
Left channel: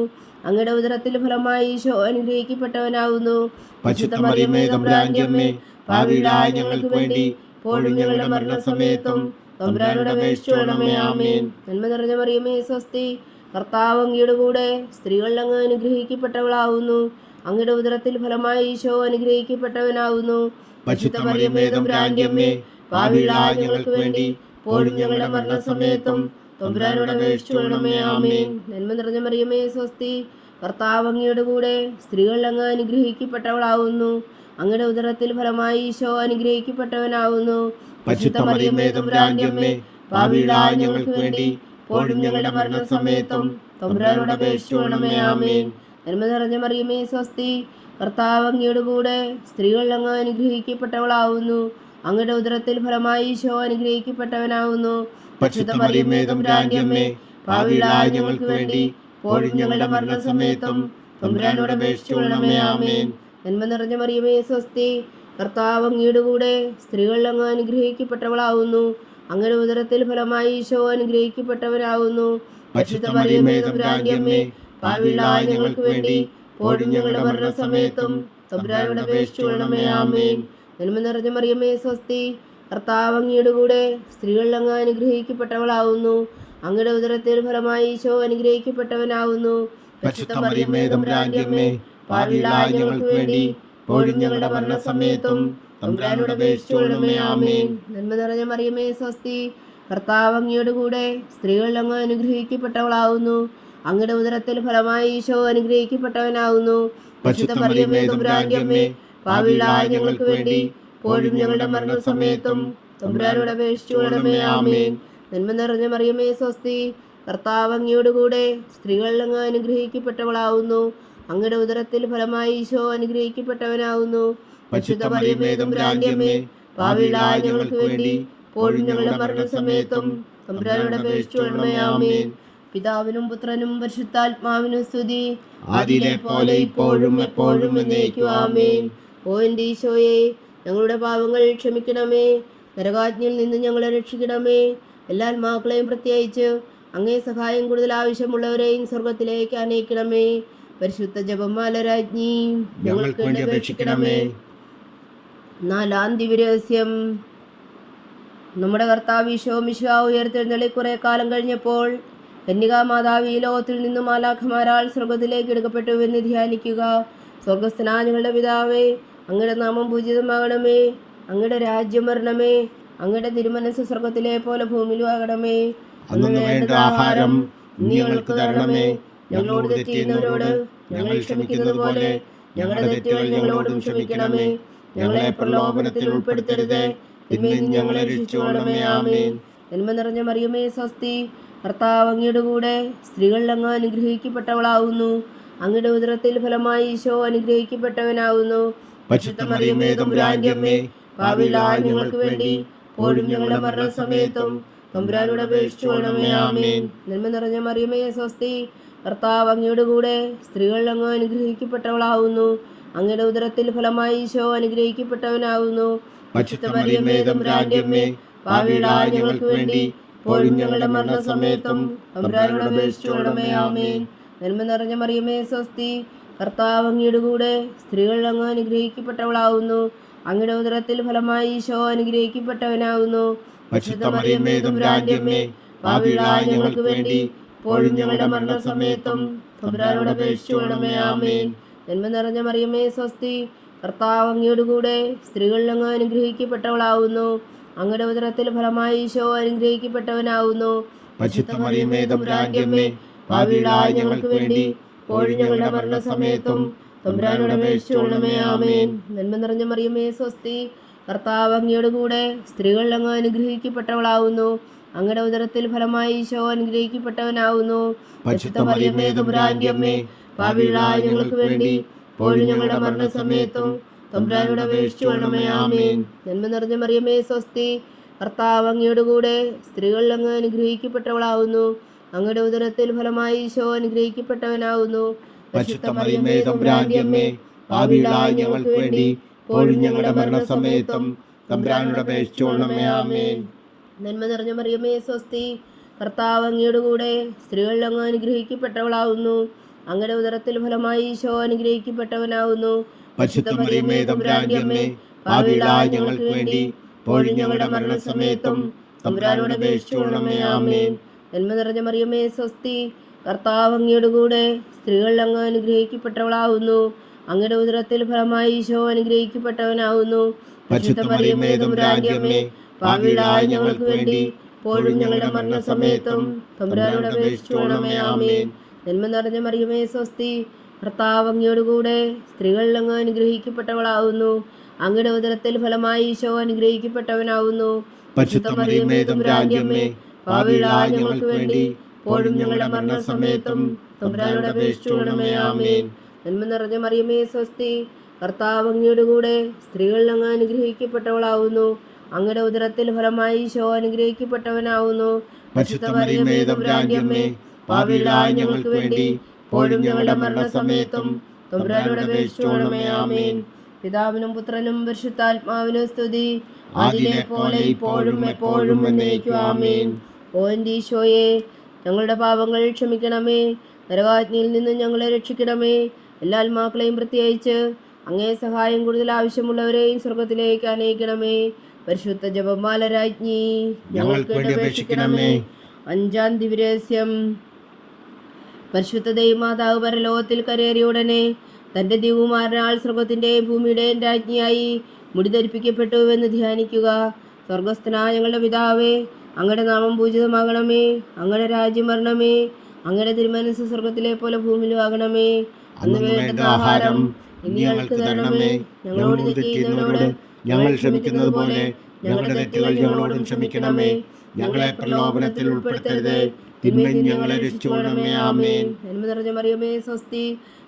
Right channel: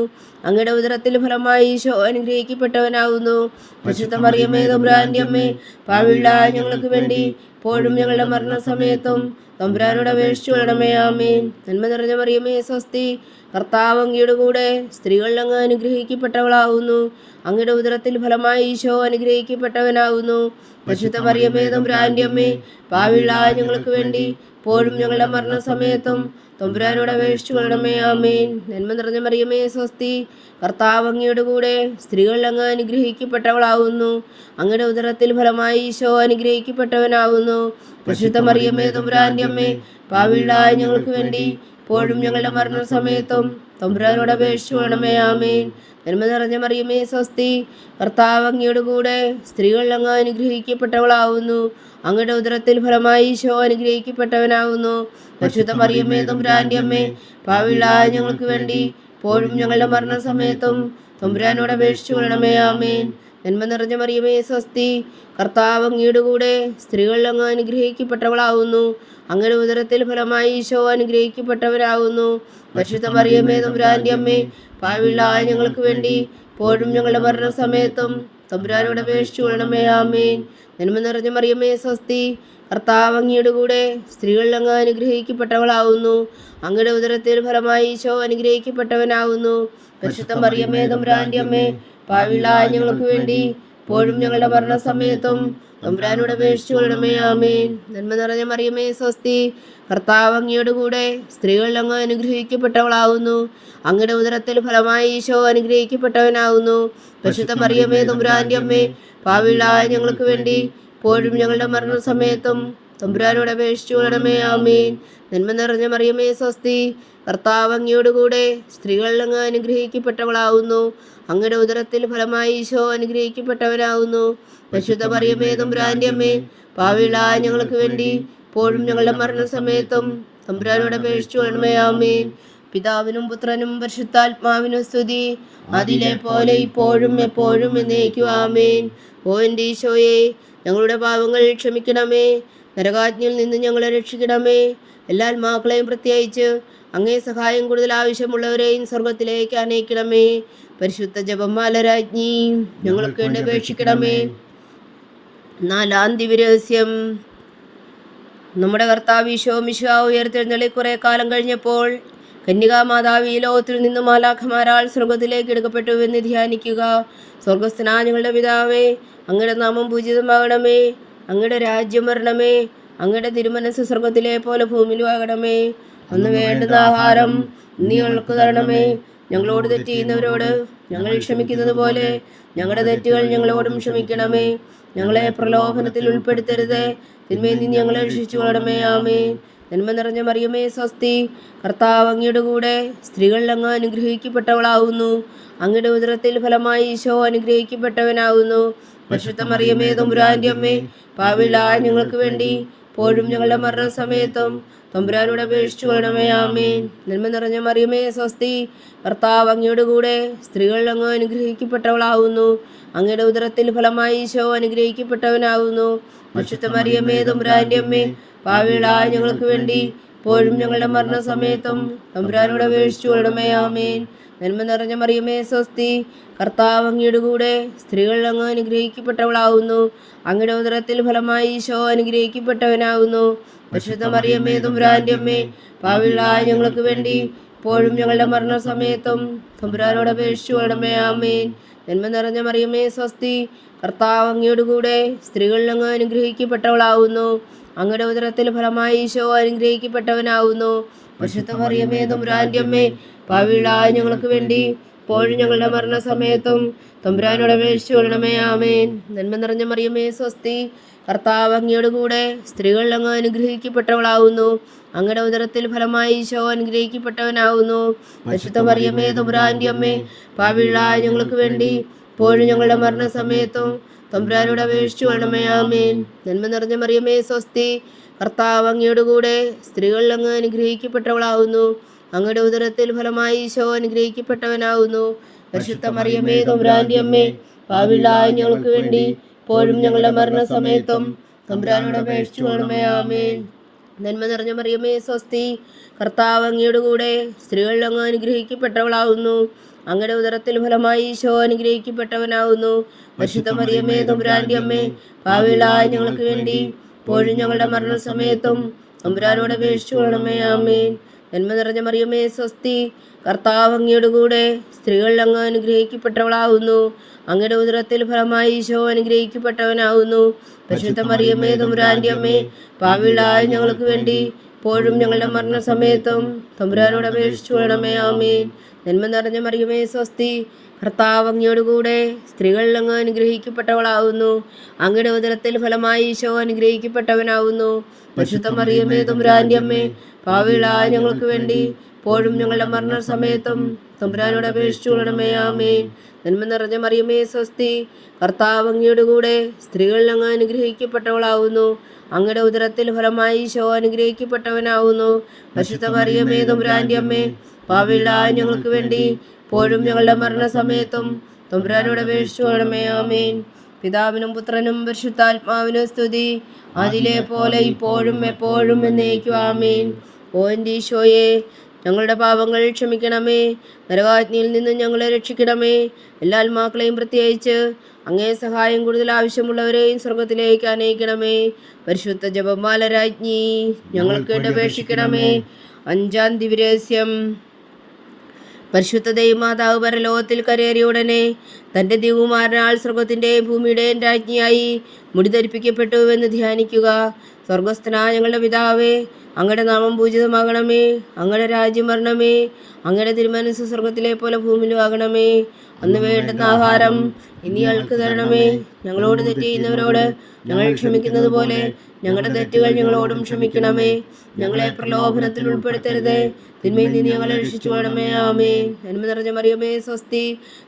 അങ്ങയുടെ ഉദരത്തിൽ ഫലമായി ഈശോ അനുഗ്രഹിക്കപ്പെട്ടവനാകുന്നു. പരിശുദ്ധ മറിയമേ തമ്പുരാന്റെ അമ്മേ, പാപികളായ ഞങ്ങൾക്ക് വേണ്ടി ഇപ്പോഴും ഞങ്ങളുടെ മരണസമയത്തും തമ്പുരാനോട് അപേക്ഷിക്കണമേ. ആമേൻ. നന്മ നിറഞ്ഞ മറിയമേ സ്വസ്തി, കർത്താവ് അങ്ങയുടെ കൂടെ സ്ത്രീകളിൽ അങ്ങ് അനുഗ്രഹിക്കപ്പെട്ടവളാകുന്നു. അങ്ങയുടെ ഉദരത്തിൽ ഫലമായി ഈശോ അനുഗ്രഹിക്കപ്പെട്ടവനാകുന്നു. പരിശുദ്ധ മറിയമേ തമ്പുരാന്റെ അമ്മേ, പാപികളായ ഞങ്ങൾക്ക് വേണ്ടി ഇപ്പോഴും ഞങ്ങളുടെ മരണസമയത്തും തമ്പുരാനോട് അപേക്ഷിക്കണമേ. ആമേൻ. നന്മ നിറഞ്ഞ മറിയമേ സ്വസ്തി, കർത്താവ് അങ്ങയുടെ കൂടെ സ്ത്രീകളിൽ അങ്ങ് അനുഗ്രഹിക്കപ്പെട്ടവളാകുന്നു. അങ്ങയുടെ ഉദരത്തിൽ ഫലമായി ഈശോ അനുഗ്രഹിക്കപ്പെട്ടവനാകുന്നു. പരിശുദ്ധ മറിയമേ തമ്പുരാന്റെ അമ്മേ, പാപികളായ ഞങ്ങൾക്ക് വേണ്ടി ഇപ്പോഴും ഞങ്ങളുടെ മരണസമയത്തും തമ്പുരാനോട് അപേക്ഷിക്കണമേ. ആമേൻ. നന്മ നിറഞ്ഞ മറിയമേ സ്വസ്തി, കർത്താവ് അങ്ങയുടെ കൂടെ സ്ത്രീകളിൽ അങ്ങ് അനുഗ്രഹിക്കപ്പെട്ടവളാകുന്നു. അങ്ങയുടെ ഉദരത്തിൽ ഫലമായി ഈശോ അനുഗ്രഹിക്കപ്പെട്ടവനാകുന്നു. പരിശുദ്ധ മറിയമേ തമ്പുരാന്റെ അമ്മേ, പാപികളായ ഞങ്ങൾക്ക് വേണ്ടി ഇപ്പോഴും ഞങ്ങളുടെ മരണസമയത്തും തമ്പുരാനോട് അപേക്ഷിക്കണമേ. ആമേൻ. നന്മ നിറഞ്ഞ മറിയമേ സ്വസ്തി, കർത്താവ് അങ്ങയുടെ കൂടെ സ്ത്രീകളിൽ അങ്ങ് അനുഗ്രഹിക്കപ്പെട്ടവളാകുന്നു. അങ്ങയുടെ ഉദരത്തിൽ ഫലമായി ഈശോ അനുഗ്രഹിക്കപ്പെട്ടവരാകുന്നു. പരിശുദ്ധ മറിയമേ തമ്പുരാന്റെ അമ്മേ, പാപികളായ ഞങ്ങൾക്ക് വേണ്ടി ഇപ്പോഴും ഞങ്ങളുടെ മരണസമയത്തും തമ്പുരാനോട് അപേക്ഷിക്കണമേ. ആമേൻ. നന്മ നിറഞ്ഞ മറിയമേ സ്വസ്തി, കർത്താവ് അങ്ങയുടെ കൂടെ സ്ത്രീകളിൽ അങ്ങ് അനുഗ്രഹിക്കപ്പെട്ടവളാകുന്നു. അങ്ങയുടെ ഉദരത്തിൽ ഫലമായി ഈശോ അനുഗ്രഹിക്കപ്പെട്ടവനാകുന്നു. പരിശുദ്ധ മറിയമേ തമ്പുരാന്റെ അമ്മേ, പാപികളായ ഞങ്ങൾക്ക് വേണ്ടി ഇപ്പോഴും ഞങ്ങളുടെ മരണസമയത്തും തമ്പുരാനോട് അപേക്ഷിക്കണമേ. ആമേൻ. നന്മ നിറഞ്ഞ മറിയമേ സ്വസ്തി, കർത്താവ് അങ്ങയുടെ കൂടെ സ്ത്രീകളിൽ അങ്ങ് അനുഗ്രഹിക്കപ്പെട്ടവളാകുന്നു. അങ്ങയുടെ ഉദരത്തിൽ ഫലമായി ഈശോ അനുഗ്രഹിക്കപ്പെട്ടവനാകുന്നു. പരിശുദ്ധ മറിയമേ തമ്പുരാന്റെ അമ്മേ, പാപികളായ ഞങ്ങൾക്ക് വേണ്ടി ഇപ്പോഴും ഞങ്ങളുടെ മരണസമയത്തും തമ്പുരാനോട് അപേക്ഷിക്കണമേ. ആമേൻ. നന്മ നിറഞ്ഞ മറിയമേ സ്വസ്തി, കർത്താവ് അങ്ങയുടെ കൂടെ സ്ത്രീകളിൽ അങ്ങ് അനുഗ്രഹിക്കപ്പെട്ടവളാകുന്നു. അങ്ങയുടെ ഉദരത്തിൽ ഫലമായി ഈശോ അനുഗ്രഹിക്കപ്പെട്ടവനാകുന്നു. പരിശുദ്ധ മറിയമേ തമ്പുരാന്റെ അമ്മേ, പാപികളായ ഞങ്ങൾക്ക് വേണ്ടി ഇപ്പോഴും ഞങ്ങളുടെ മരണസമയത്തും തമ്പുരാനോട് അപേക്ഷിക്കണമേ. ആമേൻ. പിതാവിനും പുത്രനും പരിശുദ്ധാത്മാവിനും സ്തുതി, അതിലെ പോലെ ഇപ്പോഴും എപ്പോഴും എന്നേക്കും. ആമേൻ. ഓ എൻ്റെ ഈശോയെ, ഞങ്ങളുടെ പാപങ്ങൾ ക്ഷമിക്കണമേ. നരകാജ്ഞയിൽ നിന്ന് ഞങ്ങളെ രക്ഷിക്കണമേ. എല്ലാ ആത്മാക്കളെയും പ്രത്യേകിച്ച് അങ്ങേ സഹായം കൂടുതൽ ആവശ്യമുള്ളവരെയും സ്വർഗത്തിലേക്ക് അനയിക്കണമേ. പരിശുദ്ധ ജപമാല രാജ്ഞി, ഞങ്ങൾക്ക് വേണ്ടി അപേക്ഷിക്കണമേ. നാലാം ദിവ്യരഹസ്യം. നമ്മുടെ കർത്താവ് ഈശോ മിശിഹാ ഉയർത്തെഴുന്നള്ളി കുറെ കാലം കഴിഞ്ഞപ്പോൾ കന്യകാമാതാവ് ഈ ലോകത്തിൽ നിന്നും മാലാഖമാരാൽ സ്വർഗത്തിലേക്ക് എടുക്കപ്പെട്ടു എന്ന് ധ്യാനിക്കുക. സ്വർഗസ്ഥനായ ഞങ്ങളുടെ പിതാവേ, അങ്ങയുടെ നാമം പൂജിതമാകണമേ, അങ്ങയുടെ രാജ്യം വരണമേ, അങ്ങയുടെ തിരുമനസ് സ്വർഗത്തിലെ പോലെ ഭൂമിയിലും ആകണമേ. അന്ന് വേണ്ടുന്ന ആഹാരം നീ ഞങ്ങൾക്ക് തരണമേ. ഞങ്ങളോട് തെറ്റ് ചെയ്യുന്നവരോട് ഞങ്ങൾ ക്ഷമിക്കുന്നത് പോലെ ഞങ്ങളുടെ തെറ്റുകൾ ഞങ്ങളോടും ക്ഷമിക്കണമേ. ഞങ്ങളെ പ്രലോഭനത്തിൽ ഉൾപ്പെടുത്തരുത്, തിന്മയിൽ നിന്ന് ഞങ്ങളെ രക്ഷിച്ചു കൊള്ളണമേ. ആമേൻ. നന്മ നിറഞ്ഞ മറിയമേ സ്വസ്തി, കർത്താവ് അങ്ങയുടെ കൂടെ സ്ത്രീകളിൽ അങ്ങ് അനുഗ്രഹിക്കപ്പെട്ടവളാവുന്നു. അങ്ങയുടെ ഉദരത്തിൽ ഫലമായി ഈശോ അനുഗ്രഹിക്കപ്പെട്ടവനാവുന്നു. പരിശുദ്ധ മറിയമേ തമ്പുരാന്റെ അമ്മേ, പാപികളായ ഞങ്ങൾക്ക് വേണ്ടി ഇപ്പോഴും ഞങ്ങളുടെ മരണസമയത്തും തമ്പുരാനോട് അപേക്ഷിച്ചു കൊള്ളണമേ. ആമേൻ. നന്മ നിറഞ്ഞ മറിയമേ സ്വസ്തി, കർത്താവ് അങ്ങയുടെ കൂടെ സ്ത്രീകളിൽ അങ്ങ് അനുഗ്രഹിക്കപ്പെട്ടവളാവുന്നു. അങ്ങയുടെ ഉദരത്തിൽ ഫലമായി ഈശോ അനുഗ്രഹിക്കപ്പെട്ടവനാവുന്നു. പരിശുദ്ധ മറിയമേ തമ്പുരാന്റെ അമ്മേ, പാപികളായ ഞങ്ങൾക്ക് വേണ്ടി ഇപ്പോഴും ഞങ്ങളുടെ മരണസമയത്തും തമ്പുരാനോട് അപേക്ഷിച്ചു കൊള്ളണമേ. ആമേൻ. നന്മ നിറഞ്ഞ മറിയമേ സ്വസ്തി, കർത്താവ് അങ്ങയുടെ കൂടെ സ്ത്രീകളിൽ അങ്ങ് അനുഗ്രഹിക്കപ്പെട്ടവളാവുന്നു. അങ്ങയുടെ ഉദരത്തിൽ ഫലമായി ഈശോ അനുഗ്രഹിക്കപ്പെട്ടവനാവുന്നു. പരിശുദ്ധ മറിയമേ തമ്പുരാന്റെ അമ്മേ, പാപികളായ ഞങ്ങൾക്ക് വേണ്ടി ഇപ്പോഴും ഞങ്ങളുടെ മരണസമയത്തും തമ്പുരാനോട് അപേക്ഷിച്ചു കൊള്ളണമേ. ആമേൻ. നന്മ നിറഞ്ഞ മറിയമേ സ്വസ്തി, കർത്താവ് അങ്ങയുടെ കൂടെ സ്ത്രീകളിൽ അങ്ങ് അനുഗ്രഹിക്കപ്പെട്ടവളാവുന്നു. അങ്ങയുടെ ഉദരത്തിൽ ഫലമായി ഈശോ അനുഗ്രഹിക്കപ്പെട്ടവനാവുന്നു. പരിശുദ്ധ മറിയമേ തമ്പുരാന്റെ അമ്മേ, പാപികളായ ഞങ്ങൾക്ക് വേണ്ടി ഇപ്പോഴും ഞങ്ങളുടെ മരണസമയത്തും തമ്പുരാനോട് അപേക്ഷിച്ചു കൊള്ളണമേ. ആമേൻ. നന്മ നിറഞ്ഞ മറിയമേ സ്വസ്തി, കർത്താവ് അങ്ങയുടെ കൂടെ സ്ത്രീകളിൽ അങ്ങ് അനുഗ്രഹിക്കപ്പെട്ടവളാവുന്നു. അങ്ങയുടെ ഉദരത്തിൽ ഫലമായി ഈശോ അനുഗ്രഹിക്കപ്പെട്ടവനാവുന്നു. പരിശുദ്ധ മറിയമേ തമ്പുരാന്റെ അമ്മേ, പാപികളായ ഞങ്ങൾക്ക് വേണ്ടി ഇപ്പോഴും ഞങ്ങളുടെ മരണസമയത്തും തമ്പുരാനോട് അപേക്ഷിച്ചു കൊള്ളണമേ. ആമേൻ. നന്മ നിറഞ്ഞ മറിയമേ സ്വസ്തി, കർത്താവ് അങ്ങയുടെ കൂടെ സ്ത്രീകളിൽ അങ്ങ് അനുഗ്രഹിക്കപ്പെട്ടവളാവുന്നു. അങ്ങയുടെ ഉദരത്തിൽ ഫലമായി ഈശോ അനുഗ്രഹിക്കപ്പെട്ടവനാവുന്നു. പരിശുദ്ധ മറിയമേ തമ്പുരാന്റെ അമ്മേ, പാപികളായ ഞങ്ങൾക്ക് വേണ്ടി ഇപ്പോഴും ഞങ്ങളുടെ മരണസമയത്തും തമ്പുരാനോട് അപേക്ഷിച്ചു കൊള്ളണമേ. ആമേൻ. നന്മ നിറഞ്ഞ മറിയമേ സ്വസ്തി, കർത്താവ് അങ്ങയുടെ കൂടെ സ്ത്രീകളിൽ അങ്ങ് അനുഗ്രഹിക്കപ്പെട്ടവളാവുന്നു. അങ്ങയുടെ ഉദരത്തിൽ ഫലമായി ഈശോ അനുഗ്രഹിക്കപ്പെട്ടവനാവുന്നു. പരിശുദ്ധ മറിയമേ തമ്പുരാന്റെ അമ്മേ, പാപികളായ ഞങ്ങൾക്ക് വേണ്ടി ഇപ്പോഴും ഞങ്ങളുടെ മരണസമയത്തും തമ്പുരാനോട് അപേക്ഷിച്ചു കൊള്ളണമേ. ആമേൻ. നന്മ നിറഞ്ഞ മറിയമേ സ്വസ്തി, കർത്താവ് അങ്ങയുടെ കൂടെ സ്ത്രീകളിൽ അങ്ങ് അനുഗ്രഹിക്കപ്പെട്ടവളാവുന്നു. അങ്ങയുടെ ഉദരത്തിൽ ഫലമായി ഈശോ അനുഗ്രഹിക്കപ്പെട്ടവനാവുന്നു. പരിശുദ്ധ മറിയമേ തമ്പുരാന്റെ അമ്മേ, പാപികളായ ഞങ്ങൾക്ക് വേണ്ടി ഇപ്പോഴും ഞങ്ങളുടെ മരണസമയത്തും തമ്പുരാനോട് അപേക്ഷിച്ചു കൊള്ളണമേ. ആമേൻ. നന്മ നിറഞ്ഞ മറിയമേ സ്വസ്തി, കർത്താവ് അങ്ങയുടെ കൂടെ സ്ത്രീകളിൽ അങ്ങ് അനുഗ്രഹിക്കപ്പെട്ടവളാവുന്നു. അങ്ങയുടെ ഉദരത്തിൽ ഫലമായി ഈശോ അനുഗ്രഹിക്കപ്പെട്ടവനാവുന്നു. പരിശുദ്ധ മറിയമേ തമ്പുരാന്റെ അമ്മേ, പാപികളായ ഞങ്ങൾക്ക് വേണ്ടി ഇപ്പോഴും ഞങ്ങളുടെ മരണസമയത്തും തമ്പുരാനോട് അപേക്ഷിച്ചു കൊള്ളണമേ. ആമേൻ. നന്മ നിറഞ്ഞ മറിയമേ സ്വസ്തി, കർത്താവ് അങ്ങയുടെ കൂടെ സ്ത്രീകളിൽ അങ്ങ് അനുഗ്രഹിക്കപ്പെട്ടവളാവുന്നു. അങ്ങയുടെ ഉദരത്തിൽ ഫലമായി ഈശോ അനുഗ്രഹിക്കപ്പെട്ടവനാവുന്നു. പരിശുദ്ധ മറിയമേ തമ്പുരാന്റെ അമ്മേ, പാപികളായ ഞങ്ങൾക്ക് വേണ്ടി ഇപ്പോഴും ഞങ്ങളുടെ മരണസമയത്തും തമ്പുരാനോട് അപേക്ഷിച്ചു കൊള്ളണമേ. ആമേൻ. പിതാവിനും പുത്രനും പരിശുദ്ധാത്മാവിനും സ്തുതി, അതിലെ പോലെ ഇപ്പോഴും എപ്പോഴും എന്നേക്കും. ആമേൻ. ഓ എൻ്റെ ഈശോയെ, ഞങ്ങളുടെ പാപങ്ങൾ ക്ഷമിക്കണമേ, നരകാഗ്നിയിൽ നിന്ന് ഞങ്ങളെ രക്ഷിക്കണമേ. എല്ലാ ആത്മാക്കളെയും പ്രത്യേകിച്ച് അങ്ങേ സഹായം കൂടുതൽ ആവശ്യമുള്ളവരെയും സ്വർഗത്തിലേക്ക് അനയിക്കണമേ. പരിശുദ്ധ ജപമാല രാജ്ഞി, ഞങ്ങൾക്ക് വേണ്ടി അപേക്ഷിക്കണമേ. അഞ്ചാം ദിവ്യരഹസ്യം. പരിശുദ്ധ ദൈവമാതാവ് പരലോകത്തിൽ കരേറിയ ഉടനെ തൻ്റെ ദിവ്യകുമാരനാൽ സ്വർഗത്തിൻ്റെയും ഭൂമിയുടെയും രാജ്ഞിയായി മുടിധരിപ്പിക്കപ്പെട്ടു എന്ന് ധ്യാനിക്കുക. സ്വർഗസ്ഥനായ ഞങ്ങളുടെ പിതാവേ, അങ്ങയുടെ നാമം പൂജിതമാകണമേ, അങ്ങയുടെ രാജ്യം വരണമേ, അങ്ങയുടെ തിരുമനസ് സ്വർഗത്തിലെ പോലെ ഭൂമിയിലും ആകണമേ. അന്ന് വേണ്ടുന്ന ആഹാരം ഇനി ഞങ്ങൾക്ക് തരണമേ. ഞങ്ങളോട് തെറ്റ് ചെയ്യുന്നവരോട് ഞങ്ങൾ ക്ഷമിക്കുന്നത് പോലെ ഞങ്ങളുടെ തെറ്റുകൾ ഞങ്ങളോടും ക്ഷമിക്കണമേ. ഞങ്ങളെ പ്രലോഭനത്തിൽ ഉൾപ്പെടുത്തരുത്, തിന്മയിൽ നിന്ന് ഞങ്ങളെ രക്ഷിച്ചു കൊള്ളണമേ. ആമേൻ. നന്മ നിറഞ്ഞ മറിയമേ സ്വസ്തി,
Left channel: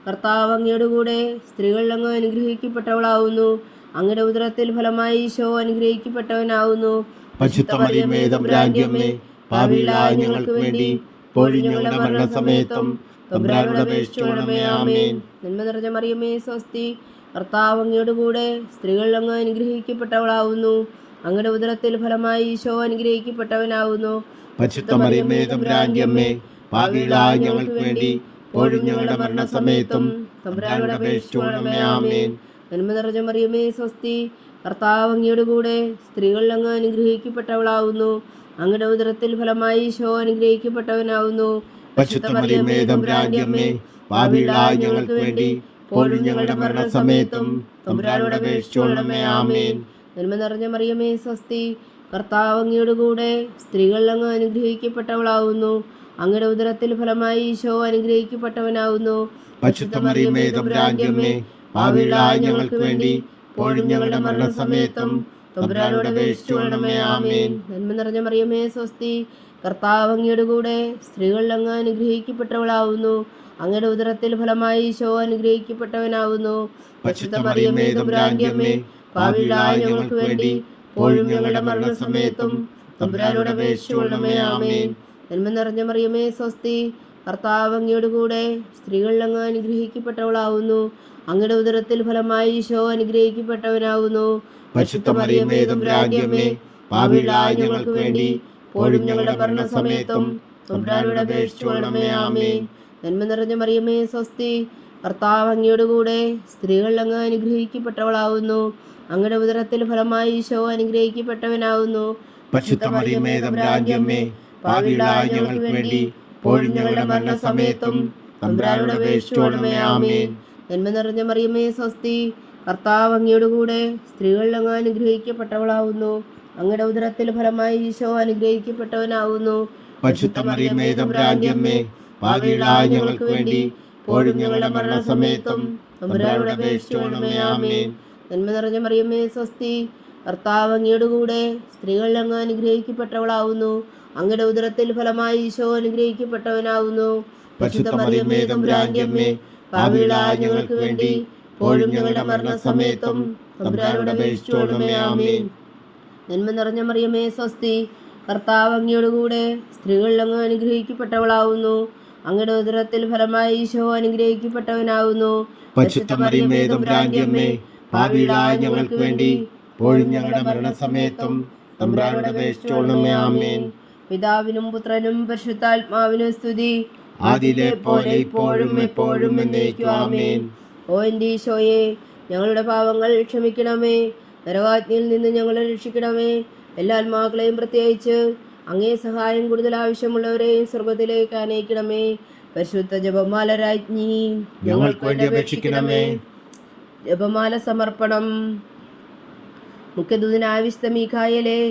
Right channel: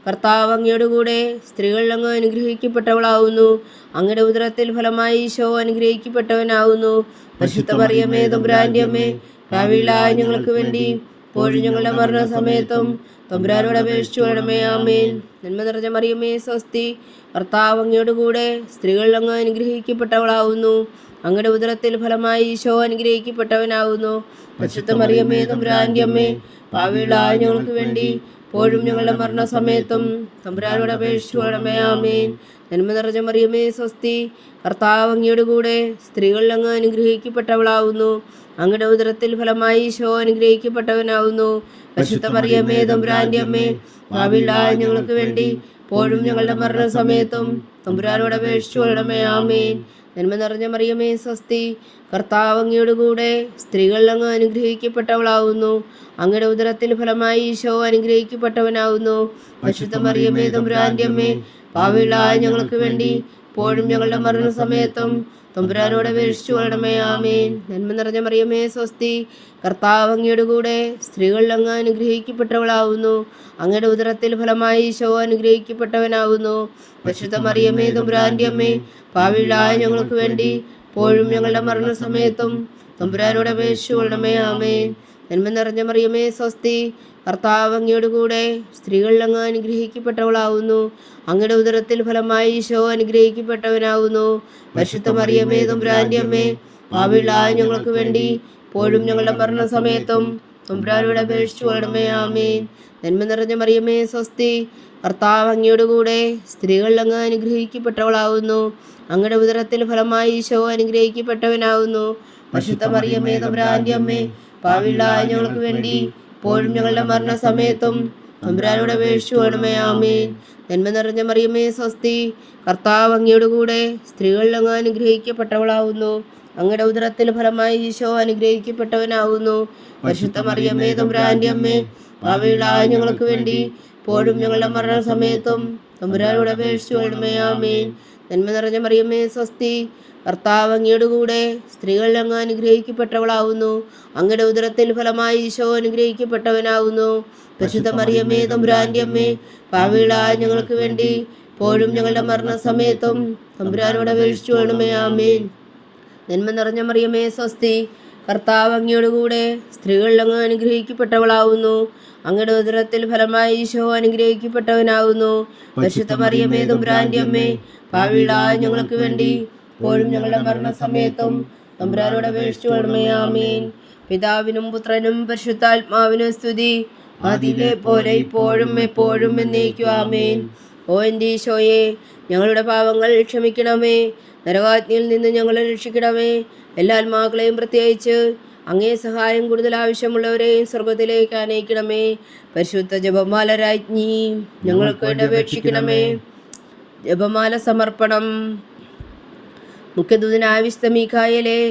കർത്താവ് അങ്ങയുടെ കൂടെ സ്ത്രീകളിൽ അങ്ങ് അനുഗ്രഹിക്കപ്പെട്ടവളാവുന്നു. അങ്ങയുടെ ഉദരത്തിൽ ഫലമായി ഈശോ അനുഗ്രഹിക്കപ്പെട്ടവനാവുന്നു. പരിശുദ്ധ മറിയമേ തമ്പുരാന്റെ അമ്മേ, പാപികളായ ഞങ്ങൾക്ക് വേണ്ടി ഇപ്പോഴും ഞങ്ങളുടെ മരണസമയത്തും തമ്പുരാനോട് അപേക്ഷിച്ചു കൊള്ളണമേ. ആമേൻ. നന്മ നിറഞ്ഞ മറിയമേ സ്വസ്തി, കർത്താവ് അങ്ങയുടെ കൂടെ സ്ത്രീകളിൽ അങ്ങ് അനുഗ്രഹിക്കപ്പെട്ടവളാവുന്നു. അങ്ങയുടെ ഉദരത്തിൽ ഫലമായി ഈശോ അനുഗ്രഹിക്കപ്പെട്ടവനാവുന്നു. പരിശുദ്ധ മറിയമേ തമ്പുരാന്റെ അമ്മേ, പാപികളായ ഞങ്ങൾക്ക് വേണ്ടി ഇപ്പോഴും ഞങ്ങളുടെ മരണസമയത്തും തമ്പുരാനോട് അപേക്ഷിച്ചു കൊള്ളണമേ. ആമേൻ. നന്മ നിറഞ്ഞ മറിയമേ സ്വസ്തി, കർത്താവ് അങ്ങയുടെ കൂടെ സ്ത്രീകളിൽ അങ്ങ് അനുഗ്രഹിക്കപ്പെട്ടവളാവുന്നു. അങ്ങയുടെ ഉദരത്തിൽ ഫലമായി ഈശോ അനുഗ്രഹിക്കപ്പെട്ടവനാവുന്നു. പരിശുദ്ധ മറിയമേ തമ്പുരാന്റെ അമ്മേ, പാപികളായ ഞങ്ങൾക്ക് വേണ്ടി ഇപ്പോഴും ഞങ്ങളുടെ മരണസമയത്തും തമ്പുരാനോട് അപേക്ഷിച്ചുകൊള്ളണമേ. ആമേൻ. നന്മ നിറഞ്ഞ മറിയമേ സ്വസ്തി, കർത്താവ് അങ്ങയുടെ കൂടെ സ്ത്രീകളിൽ അങ്ങ് അനുഗ്രഹിക്കപ്പെട്ടവളാവുന്നു. അങ്ങയുടെ ഉദരത്തിൽ ഫലമായി ഈശോ അനുഗ്രഹിക്കപ്പെട്ടവനാവുന്നു. പരിശുദ്ധ മറിയമേ തമ്പുരാന്റെ അമ്മേ, പാപികളായ ഞങ്ങൾക്ക് വേണ്ടി ഇപ്പോഴും ഞങ്ങളുടെ മരണസമയത്തും തമ്പുരാനോട് അപേക്ഷിച്ചുകൊള്ളണമേ. ആമേൻ. നന്മ നിറഞ്ഞ മറിയമേ സ്വസ്തി, കർത്താവ് അങ്ങയുടെ കൂടെ സ്ത്രീകളിൽ അങ്ങ് അനുഗ്രഹിക്കപ്പെട്ടവളാവുന്നു. അങ്ങയുടെ ഉദരത്തിൽ ഫലമായി ഈശോ അനുഗ്രഹിക്കപ്പെട്ടവനാവുന്നു. പരിശുദ്ധ മറിയമേ തമ്പുരാന്റെ അമ്മേ, പാപികളായ ഞങ്ങൾക്ക് വേണ്ടി ഇപ്പോഴും ഞങ്ങളുടെ മരണസമയത്തും തമ്പുരാനോട് അപേക്ഷിച്ചുകൊള്ളണമേ. ആമേൻ. നന്മ നിറഞ്ഞ മറിയമേ സ്വസ്തി, കർത്താവ് അങ്ങയുടെ കൂടെ സ്ത്രീകളിൽ അങ്ങ് അനുഗ്രഹിക്കപ്പെട്ടവളാവുന്നു. അങ്ങയുടെ ഉദരത്തിൽ ഫലമായി ഈശോ അനുഗ്രഹിക്കപ്പെട്ടവനാവുന്നു. പരിശുദ്ധ മറിയമേ തമ്പുരാന്റെ അമ്മേ, പാപികളായ ഞങ്ങൾക്ക് വേണ്ടി ഇപ്പോഴും ഞങ്ങളുടെ മരണസമയത്തും തമ്പുരാനോട് അപേക്ഷിച്ചുകൊള്ളണമേ. ആമേൻ. നന്മ നിറഞ്ഞ മറിയമേ സ്വസ്തി, കർത്താവ് അങ്ങയുടെ കൂടെ സ്ത്രീകളിൽ അങ്ങ് അനുഗ്രഹിക്കപ്പെട്ടവളാവുന്നു. അങ്ങയുടെ ഉദരത്തിൽ ഫലമായി ഈശോ അനുഗ്രഹിക്കപ്പെട്ടവനാവുന്നു. പരിശുദ്ധ മറിയമേ തമ്പുരാന്റെ അമ്മേ, പാപികളായ ഞങ്ങൾക്ക് വേണ്ടി ഇപ്പോഴും ഞങ്ങളുടെ മരണസമയത്തും തമ്പുരാനോട് അപേക്ഷിച്ചുകൊള്ളണമേ. ആമേൻ. നന്മ നിറഞ്ഞ മറിയമേ സ്വസ്തി, കർത്താവ് അങ്ങയുടെ കൂടെ സ്ത്രീകളിൽ അങ്ങ് അനുഗ്രഹിക്കപ്പെട്ടവളാവുന്നു. അങ്ങയുടെ ഉദരത്തിൽ ഫലമായി ഈശോ അനുഗ്രഹിക്കപ്പെട്ടവനാവുന്നു. പരിശുദ്ധ മറിയമേ തമ്പുരാന്റെ അമ്മേ, പാപികളായ ഞങ്ങൾക്ക് വേണ്ടി ഇപ്പോഴും ഞങ്ങളുടെ മരണസമയത്തും തമ്പുരാനോട് അപേക്ഷിച്ചുകൊള്ളണമേ. ആമേൻ. നന്മ നിറഞ്ഞ മറിയമേ സ്വസ്തി, കർത്താവ് അങ്ങയുടെ കൂടെ സ്ത്രീകളിൽ അങ്ങ് അനുഗ്രഹിക്കപ്പെട്ടവളാവുന്നു. അങ്ങയുടെ ഉദരത്തിൽ ഫലമായി ഈശോ അനുഗ്രഹിക്കപ്പെട്ടവനാവുന്നു. പരിശുദ്ധ മറിയമേ തമ്പുരാന്റെ അമ്മേ, പാപികളായ ഞങ്ങൾക്ക് വേണ്ടി ഇപ്പോഴും ഞങ്ങളുടെ മരണസമയത്തും തമ്പുരാനോട് അപേക്ഷിച്ചുകൊള്ളണമേ. ആമേൻ. നന്മ നിറഞ്ഞ മറിയമേ സ്വസ്തി, കർത്താവ് അങ്ങയുടെ കൂടെ സ്ത്രീകളിൽ അങ്ങ് അനുഗ്രഹിക്കപ്പെട്ടവളാവുന്നു. അങ്ങയുടെ ഉദരത്തിൽ ഫലമായി ഈശോ അനുഗ്രഹിക്കപ്പെട്ടവനാകുന്നു. പരിശുദ്ധ മറിയമേ തമ്പുരാന്റെ അമ്മേ, പാപികളായ ഞങ്ങൾക്ക് വേണ്ടി ഇപ്പോഴും ഞങ്ങളുടെ മരണസമയത്തും തമ്പുരാനോട് അപേക്ഷിച്ചുകൊള്ളണമേ. ആമേൻ. പിതാവിനും പുത്രനും പരിശുദ്ധാത്മാവിനും സ്തുതി, ആദിയിലെ പോലെ ഇപ്പോഴും എപ്പോഴും എന്നേക്കും. ആമേൻ. ഓ എൻ്റെ ഈശോയെ, ഞങ്ങളുടെ പാപങ്ങൾ ക്ഷമിക്കണമേ, നരകാഗ്നിയിൽ നിന്ന് ഞങ്ങളെ രക്ഷിക്കണമേ. എല്ലാ ആത്മാക്കളെയും പ്രത്യേകിച്ച് അങ്ങേ സഹായം കൂടുതൽ ആവശ്യമുള്ളവരെയും സ്വർഗത്തിലേക്ക് അനയിക്കണമേ. പരിശുദ്ധ ജപമാല രാജ്ഞി, ഞങ്ങൾക്ക് വേണ്ടി അപേക്ഷിക്കണമേ. ജപമാല സമർപ്പണം. മുഖ്യദൂതനായ വിശുദ്ധ മീഖായേലേ,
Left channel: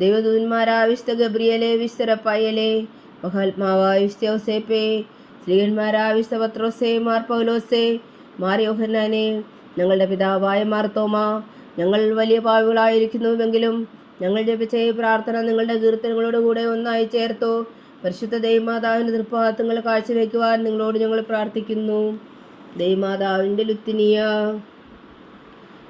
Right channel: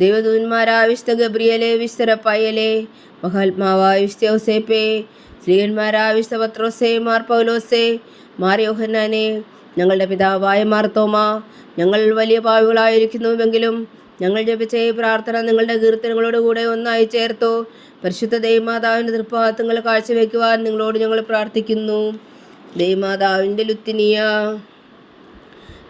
ദൈവദൂതന്മാരായ വിശുദ്ധ ഗബ്രിയേലേ, വിശുദ്ധ റഫായേലേ, മഹാത്മാവായ വിശുദ്ധ യോസേപ്പേ, സ്ത്രീയന്മാരായ വിശുദ്ധ പത്രോസേ, മാർ പൗലോസേ, മാർ യോഹന്നാനെ, ഞങ്ങളുടെ പിതാവായ മാർ തോമാ, ഞങ്ങൾ വലിയ പാപികളായിരിക്കുന്നുവെങ്കിലും ഞങ്ങൾ ജപിച്ച ഈ പ്രാർത്ഥന നിങ്ങളുടെ കീർത്തനങ്ങളോട് കൂടെ ഒന്നായി ചേർത്തു. പരിശുദ്ധ ദൈവമാതാവിൻ്റെ തൃപ്പാദങ്ങൾ കാഴ്ചവെക്കുവാൻ നിങ്ങളോട് ഞങ്ങൾ പ്രാർത്ഥിക്കുന്നു. ദൈവമാതാവിൻ്റെ ലുത്തിനിയ.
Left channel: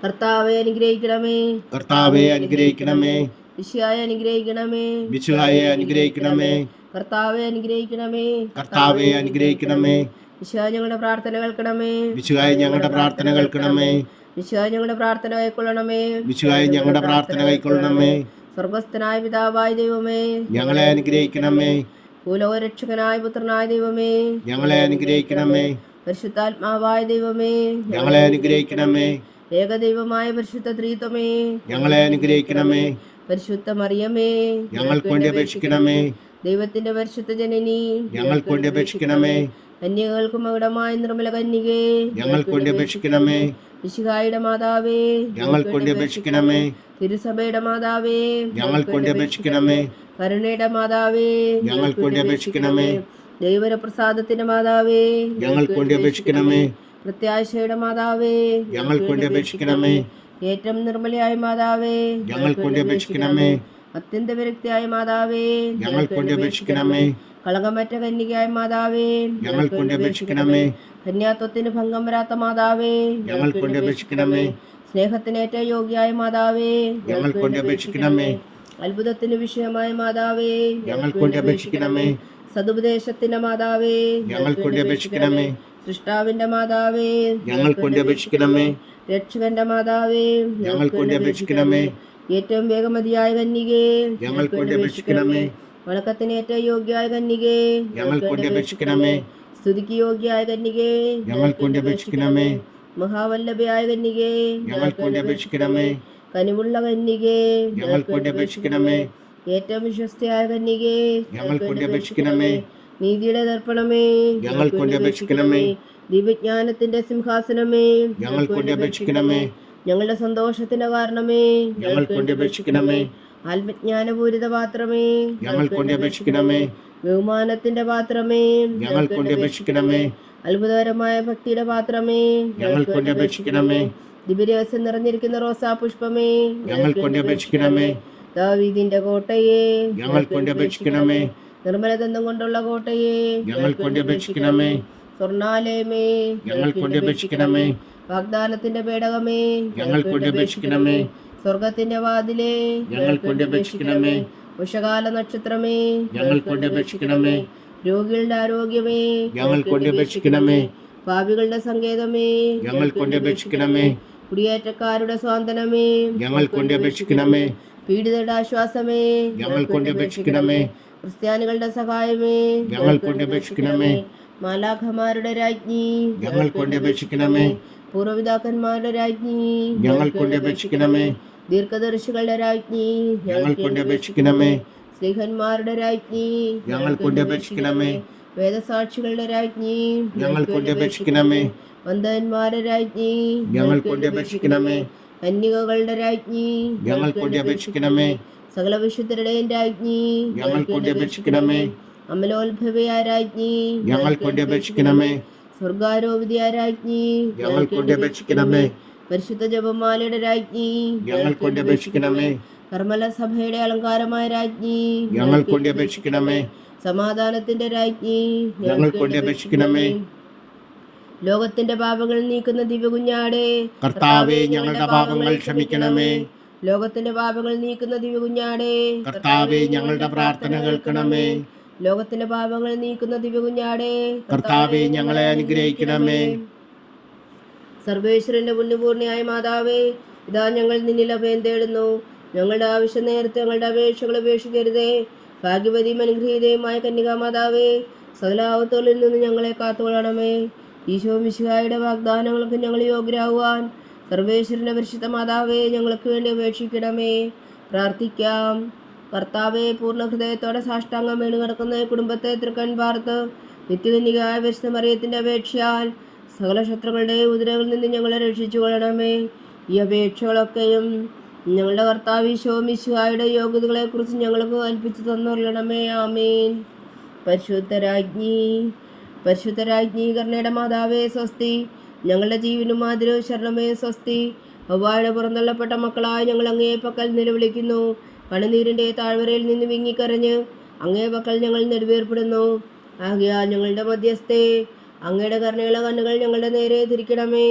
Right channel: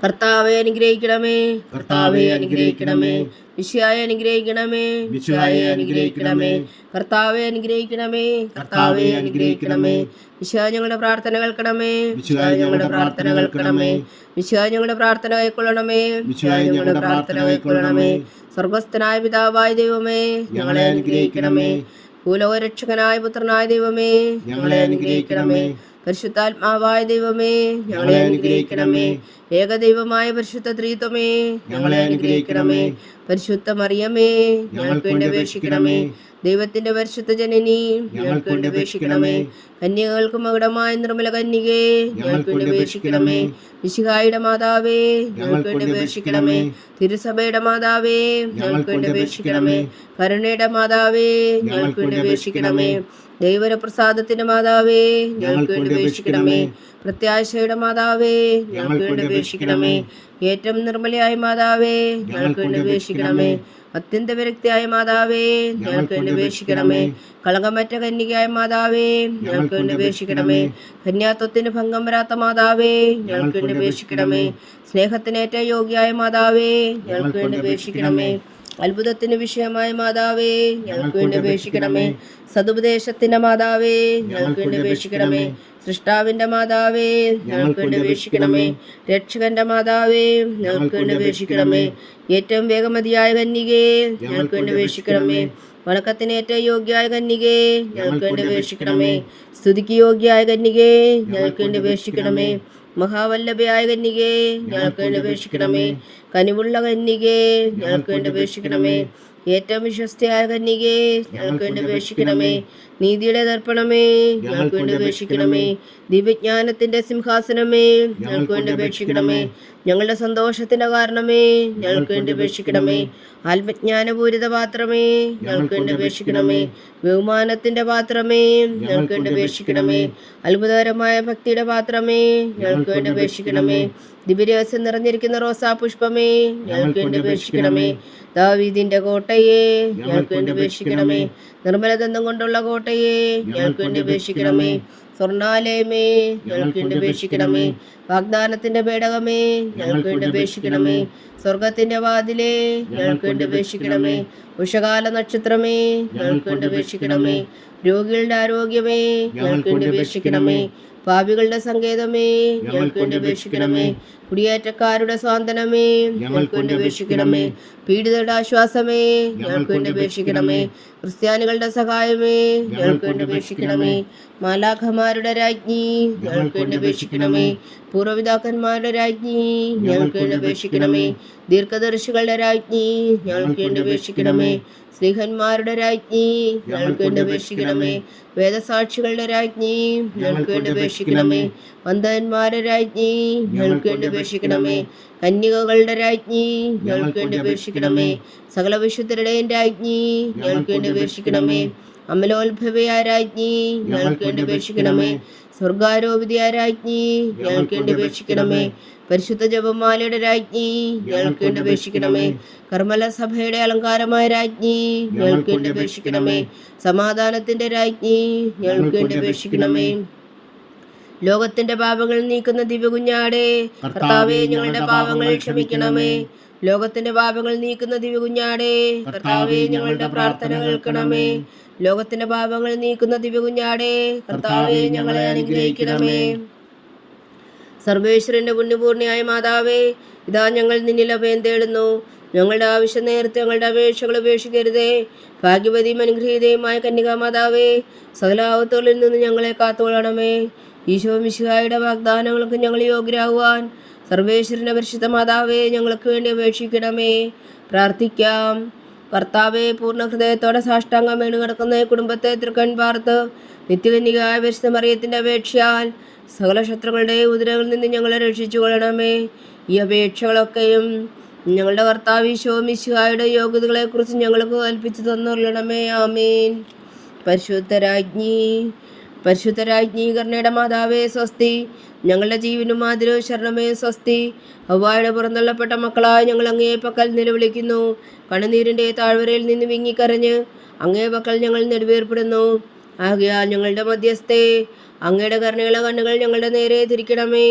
കർത്താവെ അനുഗ്രഹിക്കണമേ, കർത്താവെ അനുഗ്രഹിക്കണമേ, വിശുദ്ധായെ അനുഗ്രഹിക്കണമേ, വിശുദ്ധായെ അനുഗ്രഹിക്കണമേ, കർത്താവെ അനുഗ്രഹിക്കണമേ, കർത്താവെ അനുഗ്രഹിക്കണമേ, വിശുദ്ധായ ഞങ്ങളുടെ പ്രാർത്ഥന കേൾക്കണമേ, വിശുദ്ധായ ഞങ്ങളുടെ പ്രാർത്ഥന കേൾക്കണമേ, വിശുദ്ധായ ഞങ്ങളുടെ പ്രാർത്ഥന കൈക്കൊള്ളണമേ, വിശുദ്ധായ ഞങ്ങളുടെ പ്രാർത്ഥന കൈക്കൊള്ളണമേ. സ്വർഗസ്ഥനായ പിതാവായ ദൈവമേ, ഞങ്ങളെ അനുഗ്രഹിക്കണമേ. ഭൂലോകരക്ഷകനായ പുത്രനായ ദൈവമേ, ഞങ്ങളെ അനുഗ്രഹിക്കണമേ. പരിശുദ്ധാത്മാവായ ദൈവമേ, ഞങ്ങളെ അനുഗ്രഹിക്കണമേ. ഏകദൈവമായ പരിശുദ്ധ ത്രിത്വമേ, ഞങ്ങളെ അനുഗ്രഹിക്കണമേ. പരിശുദ്ധ മറിയമേ, ഞങ്ങൾക്ക് വേണ്ടി അപേക്ഷിക്കണമേ. ദൈവത്തിന്റെ പരിശുദ്ധ ജനനി, ഞങ്ങൾക്ക് വേണ്ടി അപേക്ഷിക്കണമേ. കന്യകൾക്ക് മകുടമായ നിർമ്മല കന്യകേ, ഞങ്ങൾക്ക് വേണ്ടി അപേക്ഷിക്കണമേ. മിശിഹായുടെ മാതാവേ, ഞങ്ങൾക്ക് വേണ്ടി അപേക്ഷിക്കണമേ. തിരുസഭയുടെ മാതാവേ, ഞങ്ങൾക്ക് വേണ്ടി അപേക്ഷിക്കണമേ. കരുണയുടെ മാതാവേ, ഞങ്ങൾക്ക് വേണ്ടി അപേക്ഷിക്കണമേ. ദൈവപ്രസാദത്തിന്റെ മാതാവേ, ഞങ്ങൾക്ക് വേണ്ടി അപേക്ഷിക്കണമേ. പ്രത്യാശയുടെ മാതാവേ, ഞങ്ങൾക്ക് വേണ്ടി അപേക്ഷിക്കണമേ. ഏറ്റവും നിർമ്മലയായ മാതാവേ, ഞങ്ങൾക്ക് വേണ്ടി അപേക്ഷിക്കണമേ. അത്യന്ത വിരക്തിയായ മാതാവേ, ഞങ്ങൾക്ക് വേണ്ടി അപേക്ഷിക്കണമേ. കളങ്കമറ്റ കന്യകയായ മാതാവേ, ഞങ്ങൾക്ക് വേണ്ടി അപേക്ഷിക്കണമേ. കന്യാത്വത്തിന് ഭംഗം വരാത്ത മാതാവേ, ഞങ്ങൾക്ക് വേണ്ടി അപേക്ഷിക്കണമേ. സ്നേഹത്തിനേറ്റ യോഗ്യായ മാതാവേ, ഞങ്ങൾക്ക് വേണ്ടി അപേക്ഷിക്കണമേ. അത്ഭുതത്തിന് വിഷയമായ മാതാവേ, ഞങ്ങൾക്ക് വേണ്ടി അപേക്ഷിക്കണമേ. സതുപദേശത്തിന്റെ മാതാവേ, ഞങ്ങൾക്ക് വേണ്ടി അപേക്ഷിക്കണമേ. സൃഷ്ടാവിന്റെ മാതാവേ, ഞങ്ങൾക്ക് വേണ്ടി അപേക്ഷിക്കണമേ. രക്ഷകന്റെ മാതാവേ, ഞങ്ങൾക്ക് വേണ്ടി അപേക്ഷിക്കണമേ. ഏറ്റവും വേഗമതിയായ കന്യകേ, ഞങ്ങൾക്ക് വേണ്ടി അപേക്ഷിക്കണമേ. വണക്കത്തിനേറ്റ യോഗ്യായ കന്യകേ, ഞങ്ങൾക്ക് വേണ്ടി അപേക്ഷിക്കണമേ. സ്തുതിക്ക് യോഗ്യായ കന്യകേ, ഞങ്ങൾക്ക് വേണ്ടി അപേക്ഷിക്കണമേ. മഹാവല്ലഭയായ കന്യകേ, ഞങ്ങൾക്ക് വേണ്ടി അപേക്ഷിക്കണമേ. കനിവുള്ള കന്യകേ, ഞങ്ങൾക്ക് വേണ്ടി അപേക്ഷിക്കണമേ. ഏറ്റവും വിശ്വസ്തയായ കന്യകേ, ഞങ്ങൾക്ക് വേണ്ടി അപേക്ഷിക്കണമേ. നീതിയുടെ ദർപ്പണമേ, ഞങ്ങൾക്ക് വേണ്ടി അപേക്ഷിക്കണമേ. ദിവ്യജ്ഞാനത്തിന്റെ സിംഹാസനമേ, ഞങ്ങൾക്ക് വേണ്ടി അപേക്ഷിക്കണമേ. ഞങ്ങളുടെ സന്തോഷത്തിന്റെ കാരണമേ, ഞങ്ങൾക്ക് വേണ്ടി അപേക്ഷിക്കണമേ. ആത്മജ്ഞാനപൂരിത പാത്രമേ, ഞങ്ങൾക്ക് വേണ്ടി അപേക്ഷിക്കണമേ. ബഹുമാനത്തിന്റെ പാത്രമേ, ഞങ്ങൾക്ക് വേണ്ടി അപേക്ഷിക്കണമേ. അത്ഭുതകരമായ ഭക്തിയുടെ പാത്രമേ, ഞങ്ങൾക്ക് വേണ്ടി അപേക്ഷിക്കണമേ. ദിവ്യരഹസ്യം നിറഞ്ഞിരിക്കുന്ന റോസാ പുഷ്പമേ, ഞങ്ങൾക്ക് വേണ്ടി അപേക്ഷിക്കണമേ. ദാവീദിന്റെ കോട്ടയെ, ഞങ്ങൾക്ക് വേണ്ടി അപേക്ഷിക്കണമേ. നിർമ്മലദന്തം കൊണ്ടുള്ള കോട്ടയെ, ഞങ്ങൾക്ക് വേണ്ടി അപേക്ഷിക്കണമേ. സ്വർണാലയമേ, ഞങ്ങൾക്ക് വേണ്ടി അപേക്ഷിക്കണമേ. വാഗ്ദാനത്തിന്റെ പേടകമേ, ഞങ്ങൾക്ക് വേണ്ടി അപേക്ഷിക്കണമേ. സ്വർഗത്തിന്റെ വാതിലേ, ഞങ്ങൾക്ക് വേണ്ടി അപേക്ഷിക്കണമേ. ഉഷകാല നക്ഷത്രമേ, ഞങ്ങൾക്ക് വേണ്ടി അപേക്ഷിക്കണമേ. രോഗികളുടെ ആരോഗ്യമേ, ഞങ്ങൾക്ക് വേണ്ടി അപേക്ഷിക്കണമേ. പാപികളുടെ സങ്കേതമേ, ഞങ്ങൾക്ക് വേണ്ടി അപേക്ഷിക്കണമേ. കുടിയേറ്റക്കാരുടെ സ്വാന്തനമേ, ഞങ്ങൾക്ക് വേണ്ടി അപേക്ഷിക്കണമേ. പീഡിതരുടെ ആശ്വാസമേ, ഞങ്ങൾക്ക് വേണ്ടി അപേക്ഷിക്കണമേ. ക്രിസ്ത്യാനികളുടെ സഹായമേ, ഞങ്ങൾക്ക് വേണ്ടി അപേക്ഷിക്കണമേ. മാലാഖമാരുടെ രാജ്ഞി, ഞങ്ങൾക്ക് വേണ്ടി അപേക്ഷിക്കണമേ. പൂർവ്വപിതാക്കന്മാരുടെ രാജ്ഞി, ഞങ്ങൾക്ക് വേണ്ടി അപേക്ഷിക്കണമേ. ദീർഘദർശികളുടെ രാജ്ഞി, ഞങ്ങൾക്ക് വേണ്ടി അപേക്ഷിക്കണമേ. സ്ത്രീഹന്മാരുടെ രാജ്ഞി, ഞങ്ങൾക്ക് വേണ്ടി അപേക്ഷിക്കണമേ. വേദസാക്ഷികളുടെ രാജ്ഞി, ഞങ്ങൾക്ക് വേണ്ടി അപേക്ഷിക്കണമേ. വന്ദന്മാരുടെ രാജ്ഞി, ഞങ്ങൾക്ക് വേണ്ടി അപേക്ഷിക്കണമേ. കന്യകകളുടെ രാജ്ഞി, ഞങ്ങൾക്ക് വേണ്ടി അപേക്ഷിക്കണമേ. സകല വിശുദ്ധരുടെയും രാജ്ഞി, ഞങ്ങൾക്ക് വേണ്ടി അപേക്ഷിക്കണമേ. അമലോത്ഭവയായ രാജ്ഞി, ഞങ്ങൾക്ക് വേണ്ടി അപേക്ഷിക്കണമേ. സ്വർഗാരോപിതയായ രാജ്ഞി, ഞങ്ങൾക്ക് വേണ്ടി അപേക്ഷിക്കണമേ. പരിശുദ്ധ ജപമാലയുടെ രാജ്ഞി, ഞങ്ങൾക്ക് വേണ്ടി അപേക്ഷിക്കണമേ. കർമ്മല സഭയുടെ അലങ്കാരമായ രാജ്ഞി, ഞങ്ങൾക്ക് വേണ്ടി അപേക്ഷിക്കണമേ. സമാധാനത്തിന്റെ രാജ്ഞി, ഞങ്ങൾക്ക് വേണ്ടി അപേക്ഷിക്കണമേ. ലോകത്തിന്റെ പാപങ്ങൾ നീക്കുന്ന ദിവ്യകുഞ്ഞാടേ, കർത്താവേ ഞങ്ങളുടെ പാപങ്ങൾ ക്ഷമിക്കണമേ. ലോകത്തിന്റെ പാപങ്ങൾ നീക്കുന്ന ദിവ്യകുഞ്ഞാടേ, കർത്താവേ ഞങ്ങളുടെ പ്രാർത്ഥന കേൾക്കണമേ. ലോകത്തിന്റെ പാപങ്ങൾ നീക്കുന്ന ദിവ്യകുഞ്ഞാടേ, കർത്താവേ ഞങ്ങളെ അനുഗ്രഹിക്കണമേ. സർവേശ്വരന്റെ പുണ്യപൂർണ്ണയായ മാതാവേ, ഇതാ ഞങ്ങൾ നിന്നിൽ അഭയം തേടുന്നു. ഞങ്ങളുടെ ആവശ്യം നേരത്തെ ഞങ്ങളുടെ അപേക്ഷകൾ ഉപേക്ഷിക്കരുതേ. ഭാഗ്യവതിയും അനുഗ്രഹീതയുമായ കന്യകാമാതാവേ, സകലാപത്തുകളിൽ നിന്ന് ഞങ്ങളെ കാത്തോളണമേ. ഈശോ മിശിഹായുടെ വാഗ്ദാനങ്ങൾക്ക് ഞങ്ങൾ യോഗ്യരാകുവാൻ സർവേശ്വരന്റെ പരിശുദ്ധ മാതാവേ, ഞങ്ങൾക്ക് വേണ്ടി അപേക്ഷിക്കണമേ. പ്രാർത്ഥിക്കാം. കർത്താവെ, പൂർണ്ണ ഹൃദയത്തോടെ സാഷ്ടാംഗം വീണ് കിടക്കുന്ന കുടുംബത്തെ തൃക്കൺ പാർത്ത് നിത്യകന്യകയായ പരിശുദ്ധ മറിയത്തിന്റെ അപേക്ഷയാൽ സകല ശത്രുക്കളുടെ ഉദരങ്ങളിൽ നിന്ന് ഞങ്ങളെ രക്ഷിച്ചു കൊള്ളണമേ. ഈ അപേക്ഷകളൊക്കെയും ഞങ്ങളുടെ കർത്താവ് ഈശോ മിശിഹായുടെ യോഗ്യതകളെക്കുറിച്ച് ഞങ്ങൾക്ക് കൽപ്പിച്ചു തന്നുകൊള്ളണമേ. ആമേൻ. പരിശുദ്ധരാജ്ഞി കരുണയുടെ മാതാവേ സ്വസ്തി. ഞങ്ങളുടെ ജീവനും മാതിരവും ശരണമേ സ്വസ്തി. ഹവ്വായുടെ പുറന്തള്ളപ്പെട്ട മക്കളായ ഞങ്ങൾ അങ്ങേ പക്കൽ നിലവിളിക്കുന്നു. കണ്ണുനീരിൻ്റെ താഴ്വരയിൽ നിന്ന് വിങ്ങിക്കരഞ്ഞ് അങ്ങേ പക്കൽ ഞങ്ങൾ നെടുവേർപ്പെടുന്നു. ആകയാൽ ഞങ്ങളുടെ മധ്യസ്ഥേ, അങ്ങയുടെ കരുണയുള്ള കണ്ണുകൾ ഞങ്ങളുടെ നേരെ തിരിക്കണമേ.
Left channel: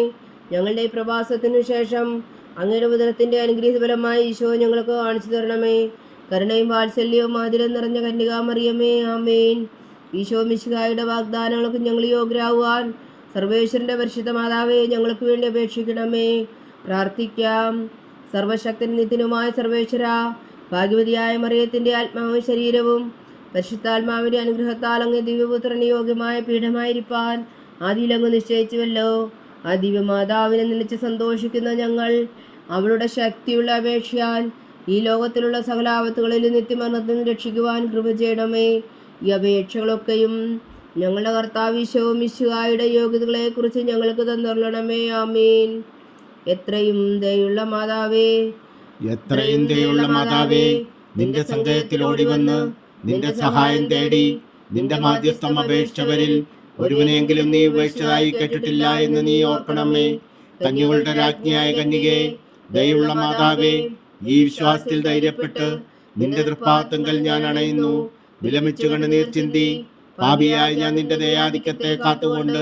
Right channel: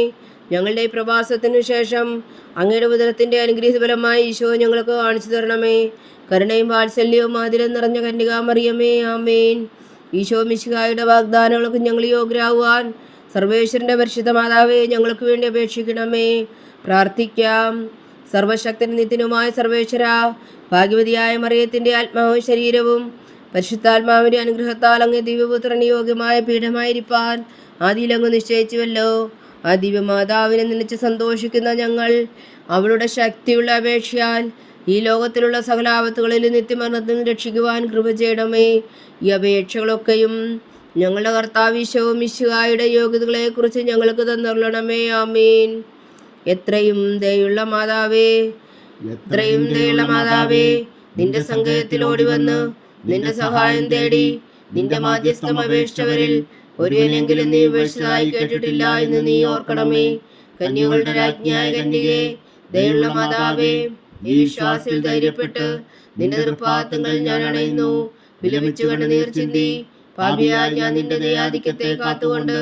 ഞങ്ങളുടെ പ്രവാസത്തിനു ശേഷം അങ്ങയുടെ ഉദരത്തിൻ്റെ അനുഗ്രഹീത ഫലമായി ഈശോ ഞങ്ങൾക്ക് കാണിച്ചു തരണമേ. കരുണയും വാത്സല്യവും മാതിരം നിറഞ്ഞ കന്യകാമറിയമേ, ആമേൻ. ഈശോ മിശിഹായുടെ വാഗ്ദാനങ്ങൾക്ക് ഞങ്ങൾ യോഗ്യരാകുവാൻ സർവേശ്വരന്റെ പരിശുദ്ധ മാതാവേ, ഞങ്ങൾക്ക് വേണ്ടി അപേക്ഷിക്കണമേ. പ്രാർത്ഥിക്കാം. സർവശക്തൻ നിത്യനുമായ സർവേശ്വര, ഭാഗ്യവതിയായ മറിയത്തിന്റെ ആത്മാവും ശരീരവും പരിശുദ്ധാത്മാവിന്റെ അനുഗ്രഹത്താൽ അങ്ങ് ദിവ്യപുത്രന് യോഗ്യമായ പീഠമായിരിക്കാൻ ആദിയിലങ്ങ് നിശ്ചയിച്ചുവല്ലോ. ആ ദിവ്യമാതാവിനെ നിലച്ച് സന്തോഷിക്കുന്ന ഞങ്ങൾ അവളുടെ ശക്തിയുള്ള അപേക്ഷയാൽ ഈ ലോകത്തിലുള്ള സകല ആപത്തുകളിൽ നിത്യമരണത്തിൽ രക്ഷിക്കുവാൻ കൃപ ചെയ്യണമേ. ഈ അപേക്ഷകളൊക്കെയും ഞങ്ങളുടെ കർത്താവ് ഈശോ മിശിഹായുടെ യോഗ്യതകളെക്കുറിച്ച് ഞങ്ങൾക്ക് തന്നുകൊള്ളണമേ. ആമേൻ. എത്രയും ദയുള്ള മാതാവേ, നിന്റെ സങ്കേതത്തിൽ ഓടി വന്ന് നിന്റെ സഹായം തേടി നിന്റെ മാധ്യസ്ഥം അപേക്ഷിച്ചവരിൽ ഒരുവനെങ്കിലും നീ ഉപേക്ഷിച്ചതായി കേട്ടിട്ടില്ല എന്ന് നീ ഓർക്കണമേ. കന്യകളുടെ രാജ്ഞിയായ കന്യകേ, ദയുള്ള മാതാവേ, ഈ വിശ്വാസത്തിൽ ധൈര്യപ്പെട്ട് നിന്റെ തൃപ്പാദങ്ങൾ ഞാൻ അണയുന്നു. വിലമിച്ചു കണ്ണുനീർ ചിന്തി പാപിയായ ഞാൻ നിന്റെ ദയാധിക്യത്തെ കാത്തുകൊണ്ട്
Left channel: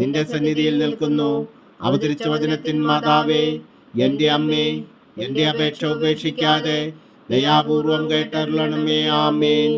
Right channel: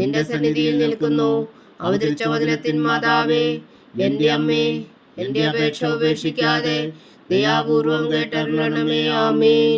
നിന്റെ സന്നിധിയിൽ നിൽക്കുന്നു. അവതരിച്ച വചനത്തിൻ മാതാവേ, എന്റെ അമ്മേ, എന്റെ അപേക്ഷ ഉപേക്ഷിക്കാതെ ദയാപൂർവം കേട്ടരുളണമേ. ആമേൻ.